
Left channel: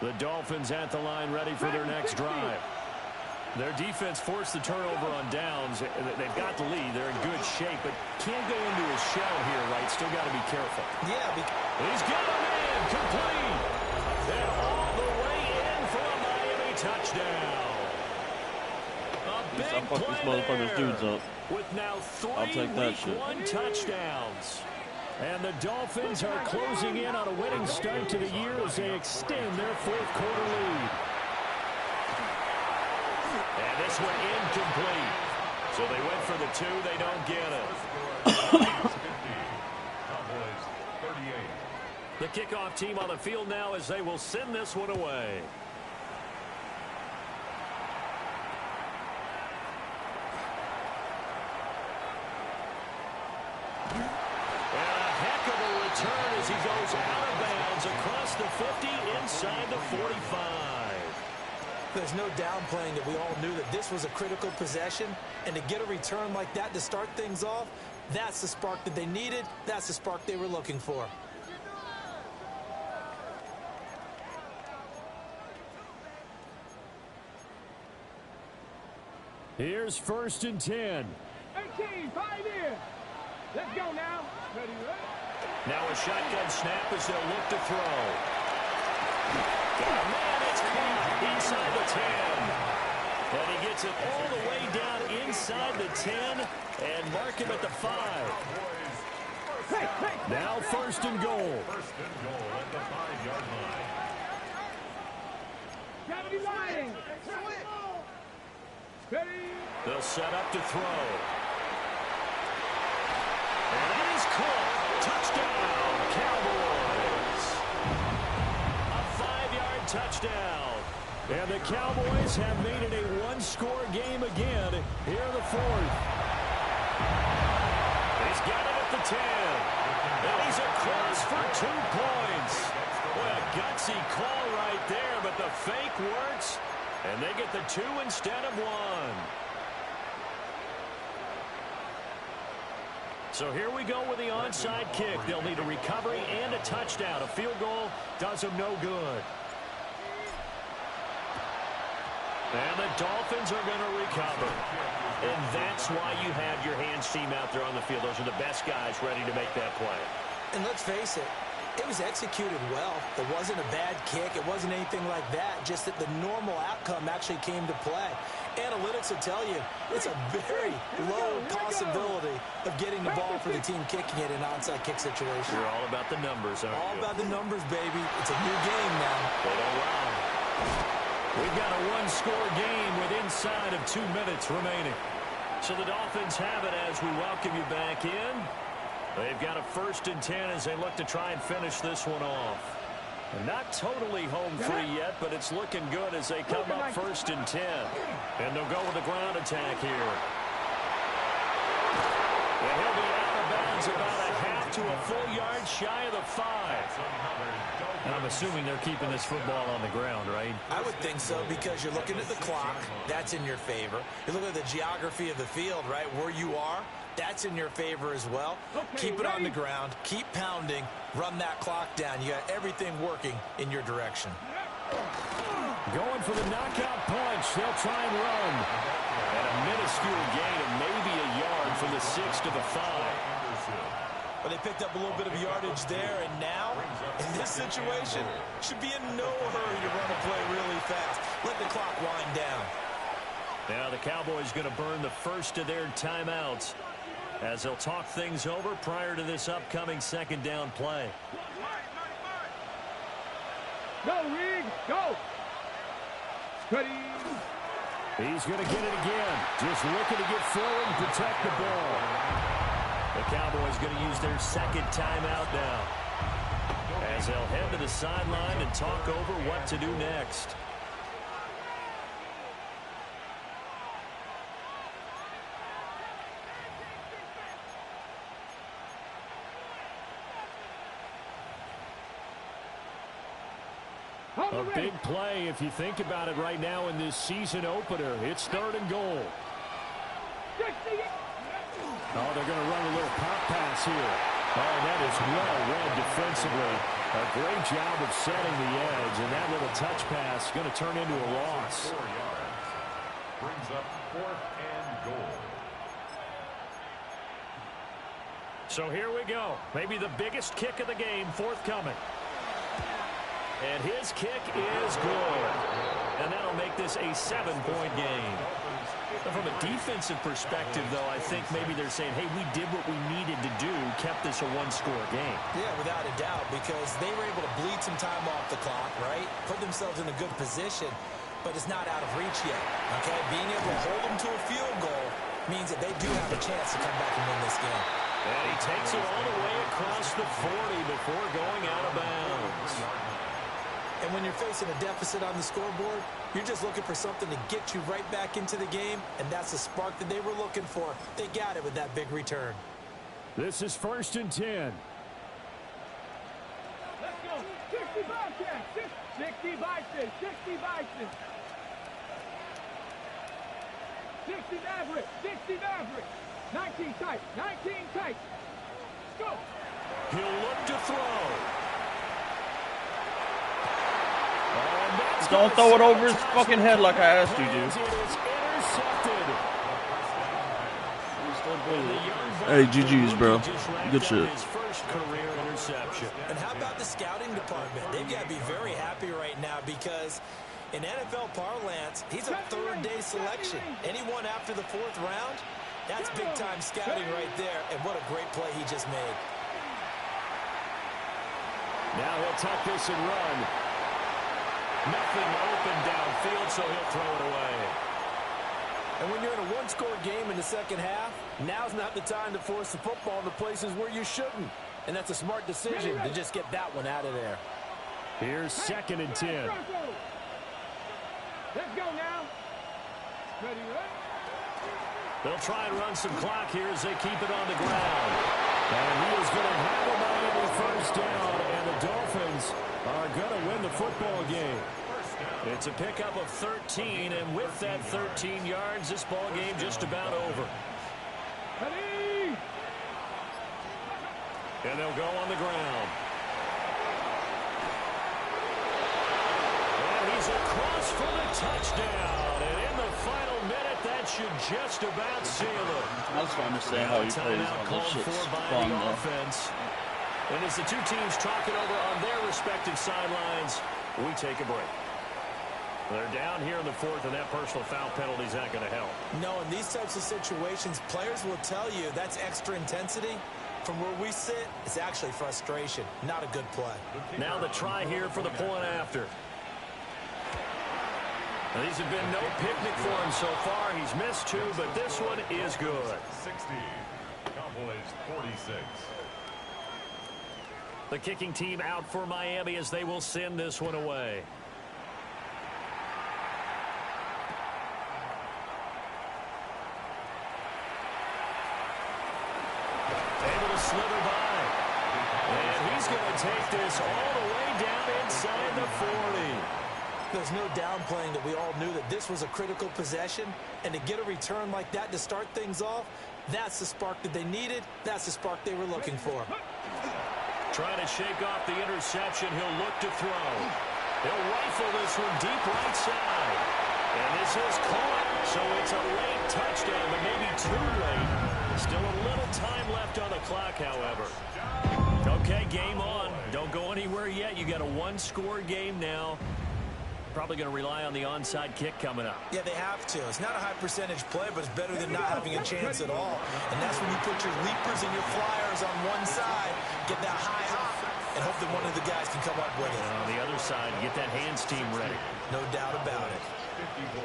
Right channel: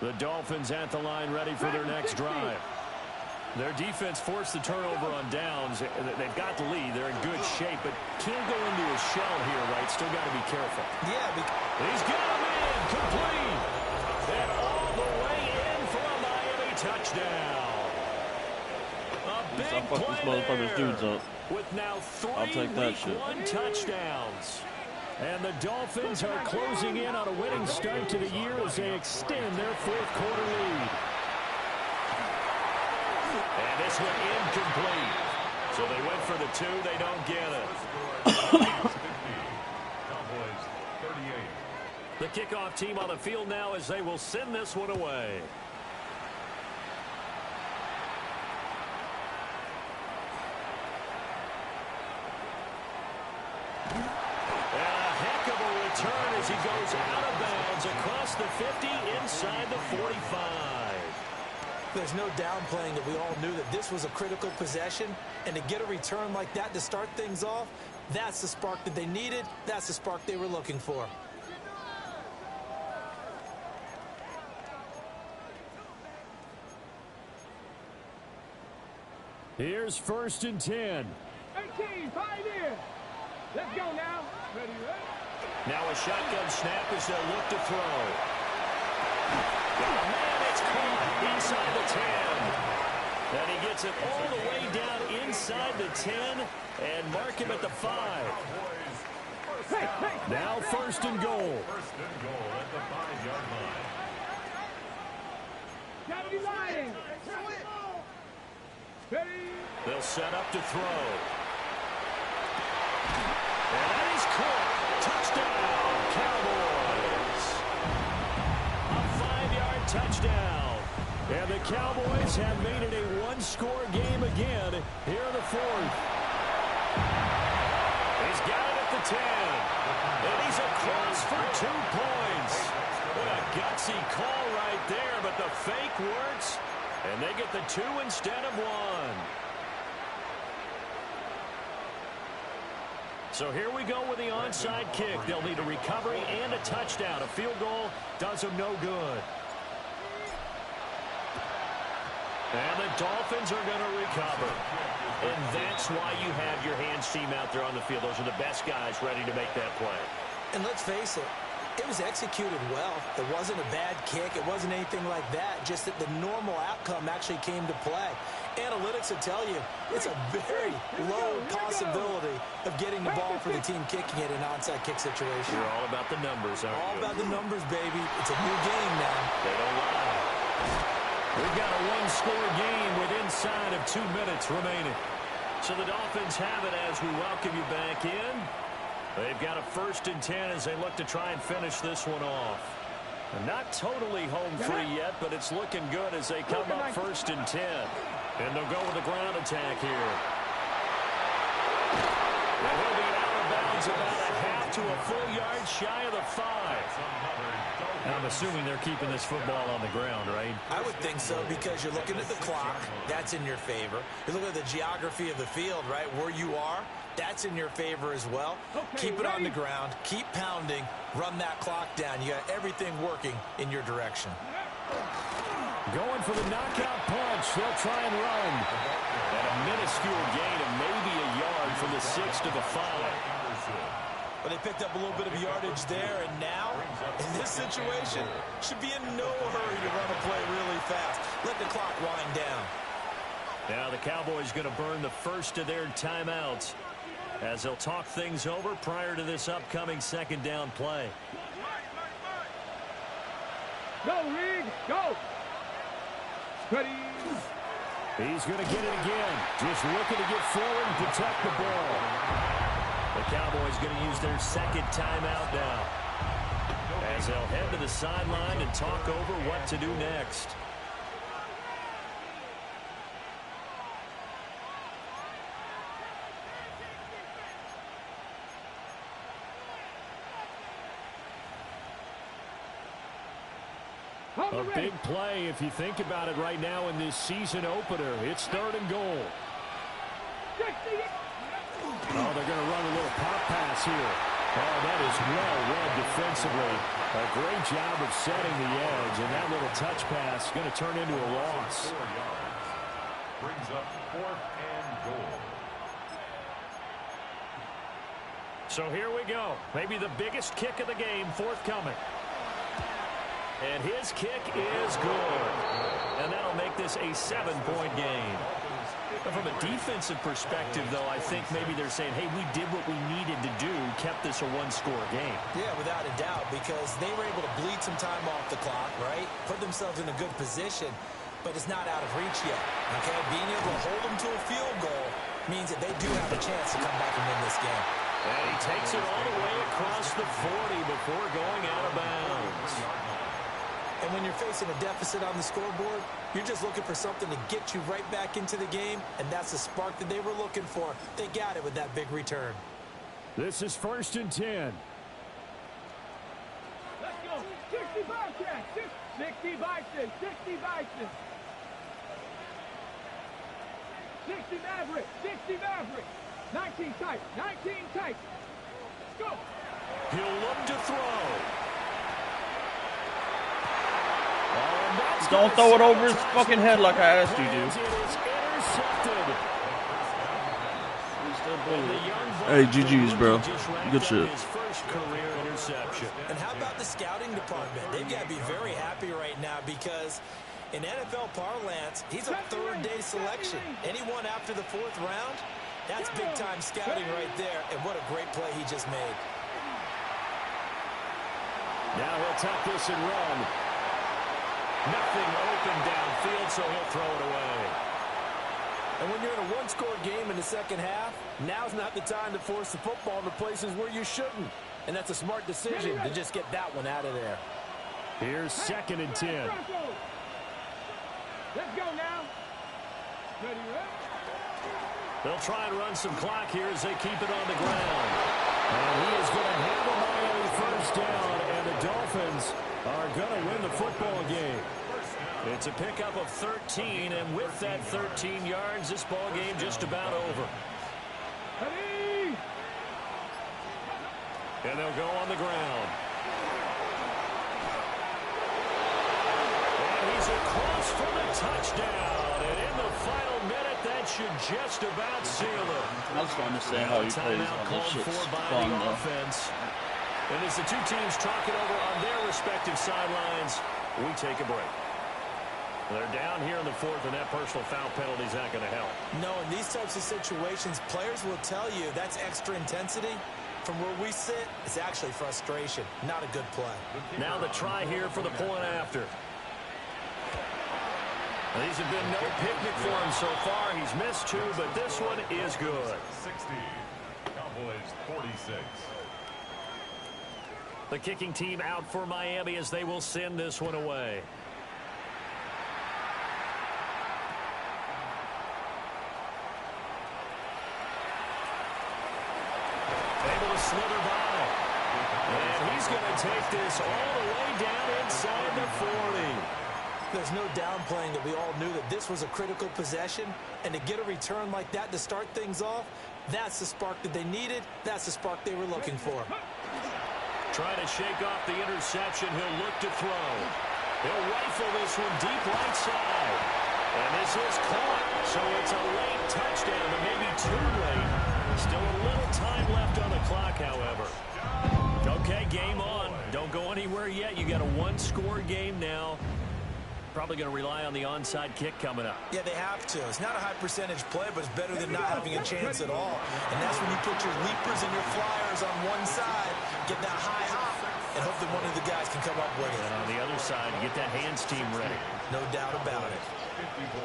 The Dolphins at the line, ready for their next drive. Their defense forced the turnover on downs. They've got the lead. They're in good shape, but can't go into a shell here, right? Still got to be careful. Yeah. He's got him in, complete. And all the way in for a Miami touchdown. A big play there, dudes up. with now 3 Week 1 touchdowns. And the Dolphins are closing in on a winning start to the year as they extend their 4th quarter lead. And this one incomplete. So they went for the 2. They don't get it. Cowboys 38. The kickoff team on the field now as they will send this one away. And a heck of a return as he goes out of bounds across the 50 inside the 45. There's no downplaying that we all knew that this was a critical possession, and to get a return like that to start things off, that's the spark that they needed. That's the spark they were looking for. Here's 1st and 10. 18, 5 in. Let's go now. Ready, ready? Now a shotgun snap as they'll look to throw. Oh, man, it's caught inside the 10. And he gets it all the way down inside the 10 and mark him at the 5. Now 1st and goal. 1st and goal at the 5-yard line. Gravity line. Ready? They'll set up to throw. And that is caught. Touchdown, Cowboys. A 5-yard touchdown. And the Cowboys have made it a one-score game again here in the 4th. He's got it at the 10. And he's across for 2 points. Boy, a gutsy call right there, but the fake works. And they get the 2 instead of 1. So here we go with the onside kick. They'll need a recovery and a touchdown. A field goal does them no good. And the Dolphins are going to recover. And that's why you have your hands team out there on the field. Those are the best guys ready to make that play. And let's face it, it was executed well. It wasn't a bad kick. It wasn't anything like that. Just that the normal outcome actually came to play. Analytics will tell you it's a very low possibility of getting the ball for the team kicking it in an onside kick situation. You're all about the numbers, aren't you? All about the numbers, baby. It's a new game now. They don't lie. We've got a one-score game with inside of 2 minutes remaining. So the Dolphins have it as we welcome you back in. They've got a 1st and 10 as they look to try and finish this one off. Not totally home free yet, but it's looking good as they come up 1st and 10. And they'll go with a ground attack here. And he'll be out of bounds about a half to a full yard shy of the 5. And I'm assuming they're keeping this football on the ground, right? I would think so, because you're looking at the clock. That's in your favor. You look at the geography of the field, right? Where you are, that's in your favor as well. Keep it on the ground. Keep pounding. Run that clock down. You got everything working in your direction. Going for the knockout punch. They'll try and run. And a minuscule gain of maybe a yard from the 6 to the 5. But they picked up a little bit of yardage there, and now, in this situation, should be in no hurry to run a play really fast. Let the clock wind down. Now the Cowboys going to burn the first of their timeouts as they'll talk things over prior to this upcoming 2nd down play. Go, Rig, go. Ready. He's going to get it again. Just looking to get forward and protect the ball. The Cowboys going to use their 2nd timeout now as they'll head to the sideline and talk over what to do next. A big play if you think about it right now in this season opener. It's 3rd and goal. Oh, they're going to run a little pop pass here. Oh, that is well read defensively. A great job of setting the edge, and that little touch pass is going to turn into a loss. 4 yards. Brings up 4th and goal. So here we go. Maybe the biggest kick of the game forthcoming. And his kick is good. And that'll make this a 7-point game. But from a defensive perspective, though, I think maybe they're saying, hey, we did what we needed to do, kept this a one-score game. Yeah, without a doubt, because they were able to bleed some time off the clock, right? Put themselves in a good position, but it's not out of reach yet, okay? Being able to hold them to a field goal means that they do have a chance to come back and win this game. And he takes it all the way across the 40 before going out of bounds. And when you're facing a deficit on the scoreboard, you're just looking for something to get you right back into the game, and that's the spark that they were looking for. They got it with that big return. This is 1st and 10. Let's go. 60 Bobcats. 60 Bison. 60 Bison. 60 Maverick. 60 Maverick. 19 tight. 19 tight. Let's go. He'll look to throw. Don't throw it over his fucking head like I asked you to. It is intercepted. Hey, GG's, bro. Good shit. His first career interception. And how about the scouting department? They've got to be very happy right now because in NFL parlance, he's a third-day selection. Anyone after the fourth round, that's big-time scouting right there. And what a great play he just made. Now he'll tuck this and run. Nothing open downfield, so he'll throw it away. And when you're in a one-score game in the second half, now's not the time to force the football into places where you shouldn't. And that's a smart decision to just get that one out of there. Here's 2nd and 10. Let's go now. Ready, right? They'll try and run some clock here as they keep it on the ground. And he is going to have a Miami first down, and the Dolphins are going to win the football game. It's a pickup of 13, and with that 13 yards, this ball game just about over. Ready? And they'll go on the ground. And he's across for the touchdown. And in the final minute, that should just about seal it. I just don't understand how he plays Timeout all this called shit's for by fun, the though. offense. And as the two teams talk it over on their respective sidelines, we take a break. They're down here in the fourth, and that personal foul penalty is not going to help. No, in these types of situations, players will tell you that's extra intensity. From where we sit, it's actually frustration. Not a good play. Now the try here for the point after. And these have been no picnic for him so far. He's missed 2, but this one is good. 60. Cowboys 46. The kicking team out for Miami as they will send this one away. Able to slither by. And he's going to take this all the way down inside the 40. There's no downplaying that we all knew that this was a critical possession. And to get a return like that to start things off, that's the spark that they needed. That's the spark they were looking for. Trying to shake off the interception. He'll look to throw. He'll rifle this one deep right side. And this is caught. So it's a late touchdown, but maybe too late. Still a little time left on the clock, however. Okay, game on. Don't go anywhere yet. You got a one-score game now. Probably going to rely on the onside kick coming up. Yeah, they have to. It's not a high-percentage play, but it's better than not having a chance at all. And that's when you put your leapers and your flyers on one side, get that high hop, and hope that one of the guys can come up with it. And on the other side, get that hands team ready. No doubt about it. 54.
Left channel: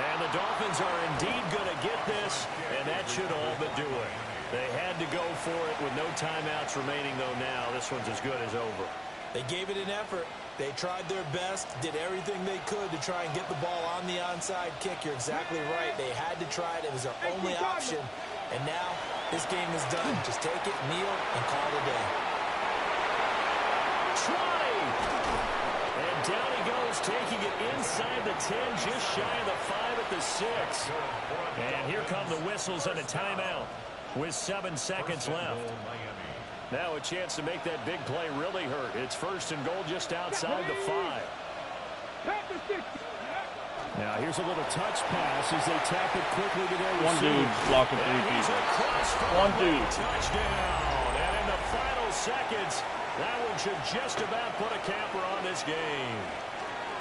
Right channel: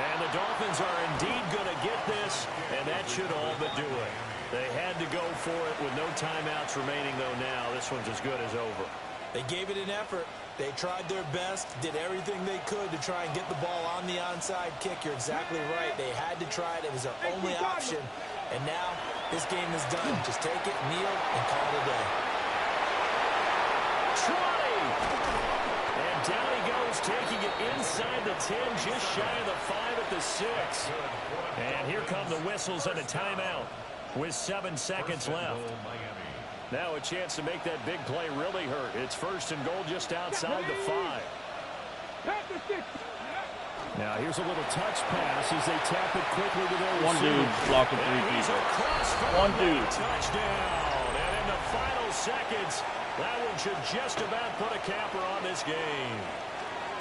And the Dolphins are indeed going to get this, and that should all but do it. They had to go for it with no timeouts remaining, though now. This one's as good as over. They gave it an effort. They tried their best, did everything they could to try and get the ball on the onside kick. You're exactly right. They had to try it. It was their only option. And now this game is done. Just take it, kneel, and call it a day. 20! And down he goes, taking it inside the 10, just shy of the 5 at the 6. And here come the whistles and a timeout with 7 seconds left. Now a chance to make that big play really hurt. It's 1st and goal just outside the 5. Now here's a little touch pass as they tap it quickly to their receiver. One dude blocking 3 people. One dude. Touchdown. And in the final seconds, that one should just about put a capper on this game.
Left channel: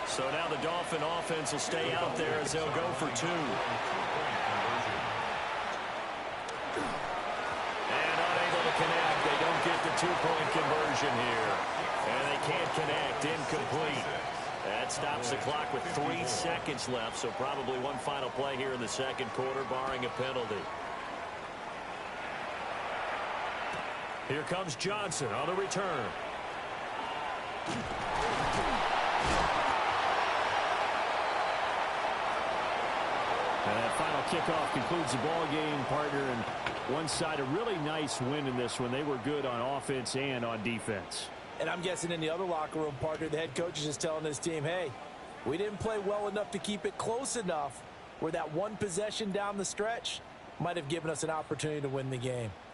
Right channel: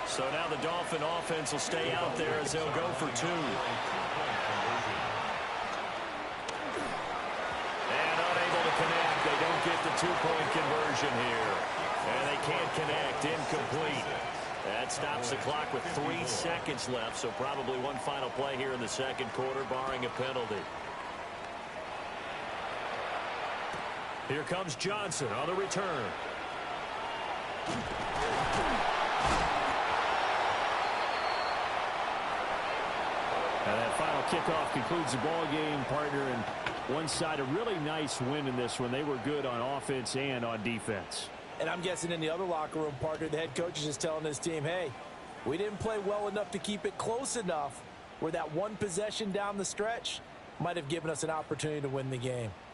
So now the Dolphin offense will stay out there as they'll go for 2. And unable to connect. They don't get the 2-point conversion here. And they can't connect. Incomplete. That stops the clock with 3 seconds left, so probably one final play here in the second quarter, barring a penalty. Here comes Johnson on the return. And that final kickoff concludes the ball game, partner. And one side, a really nice win in this one. They were good on offense and on defense. And I'm guessing in the other locker room, partner, the head coach is just telling his team, hey, we didn't play well enough to keep it close enough where that one possession down the stretch might have given us an opportunity to win the game.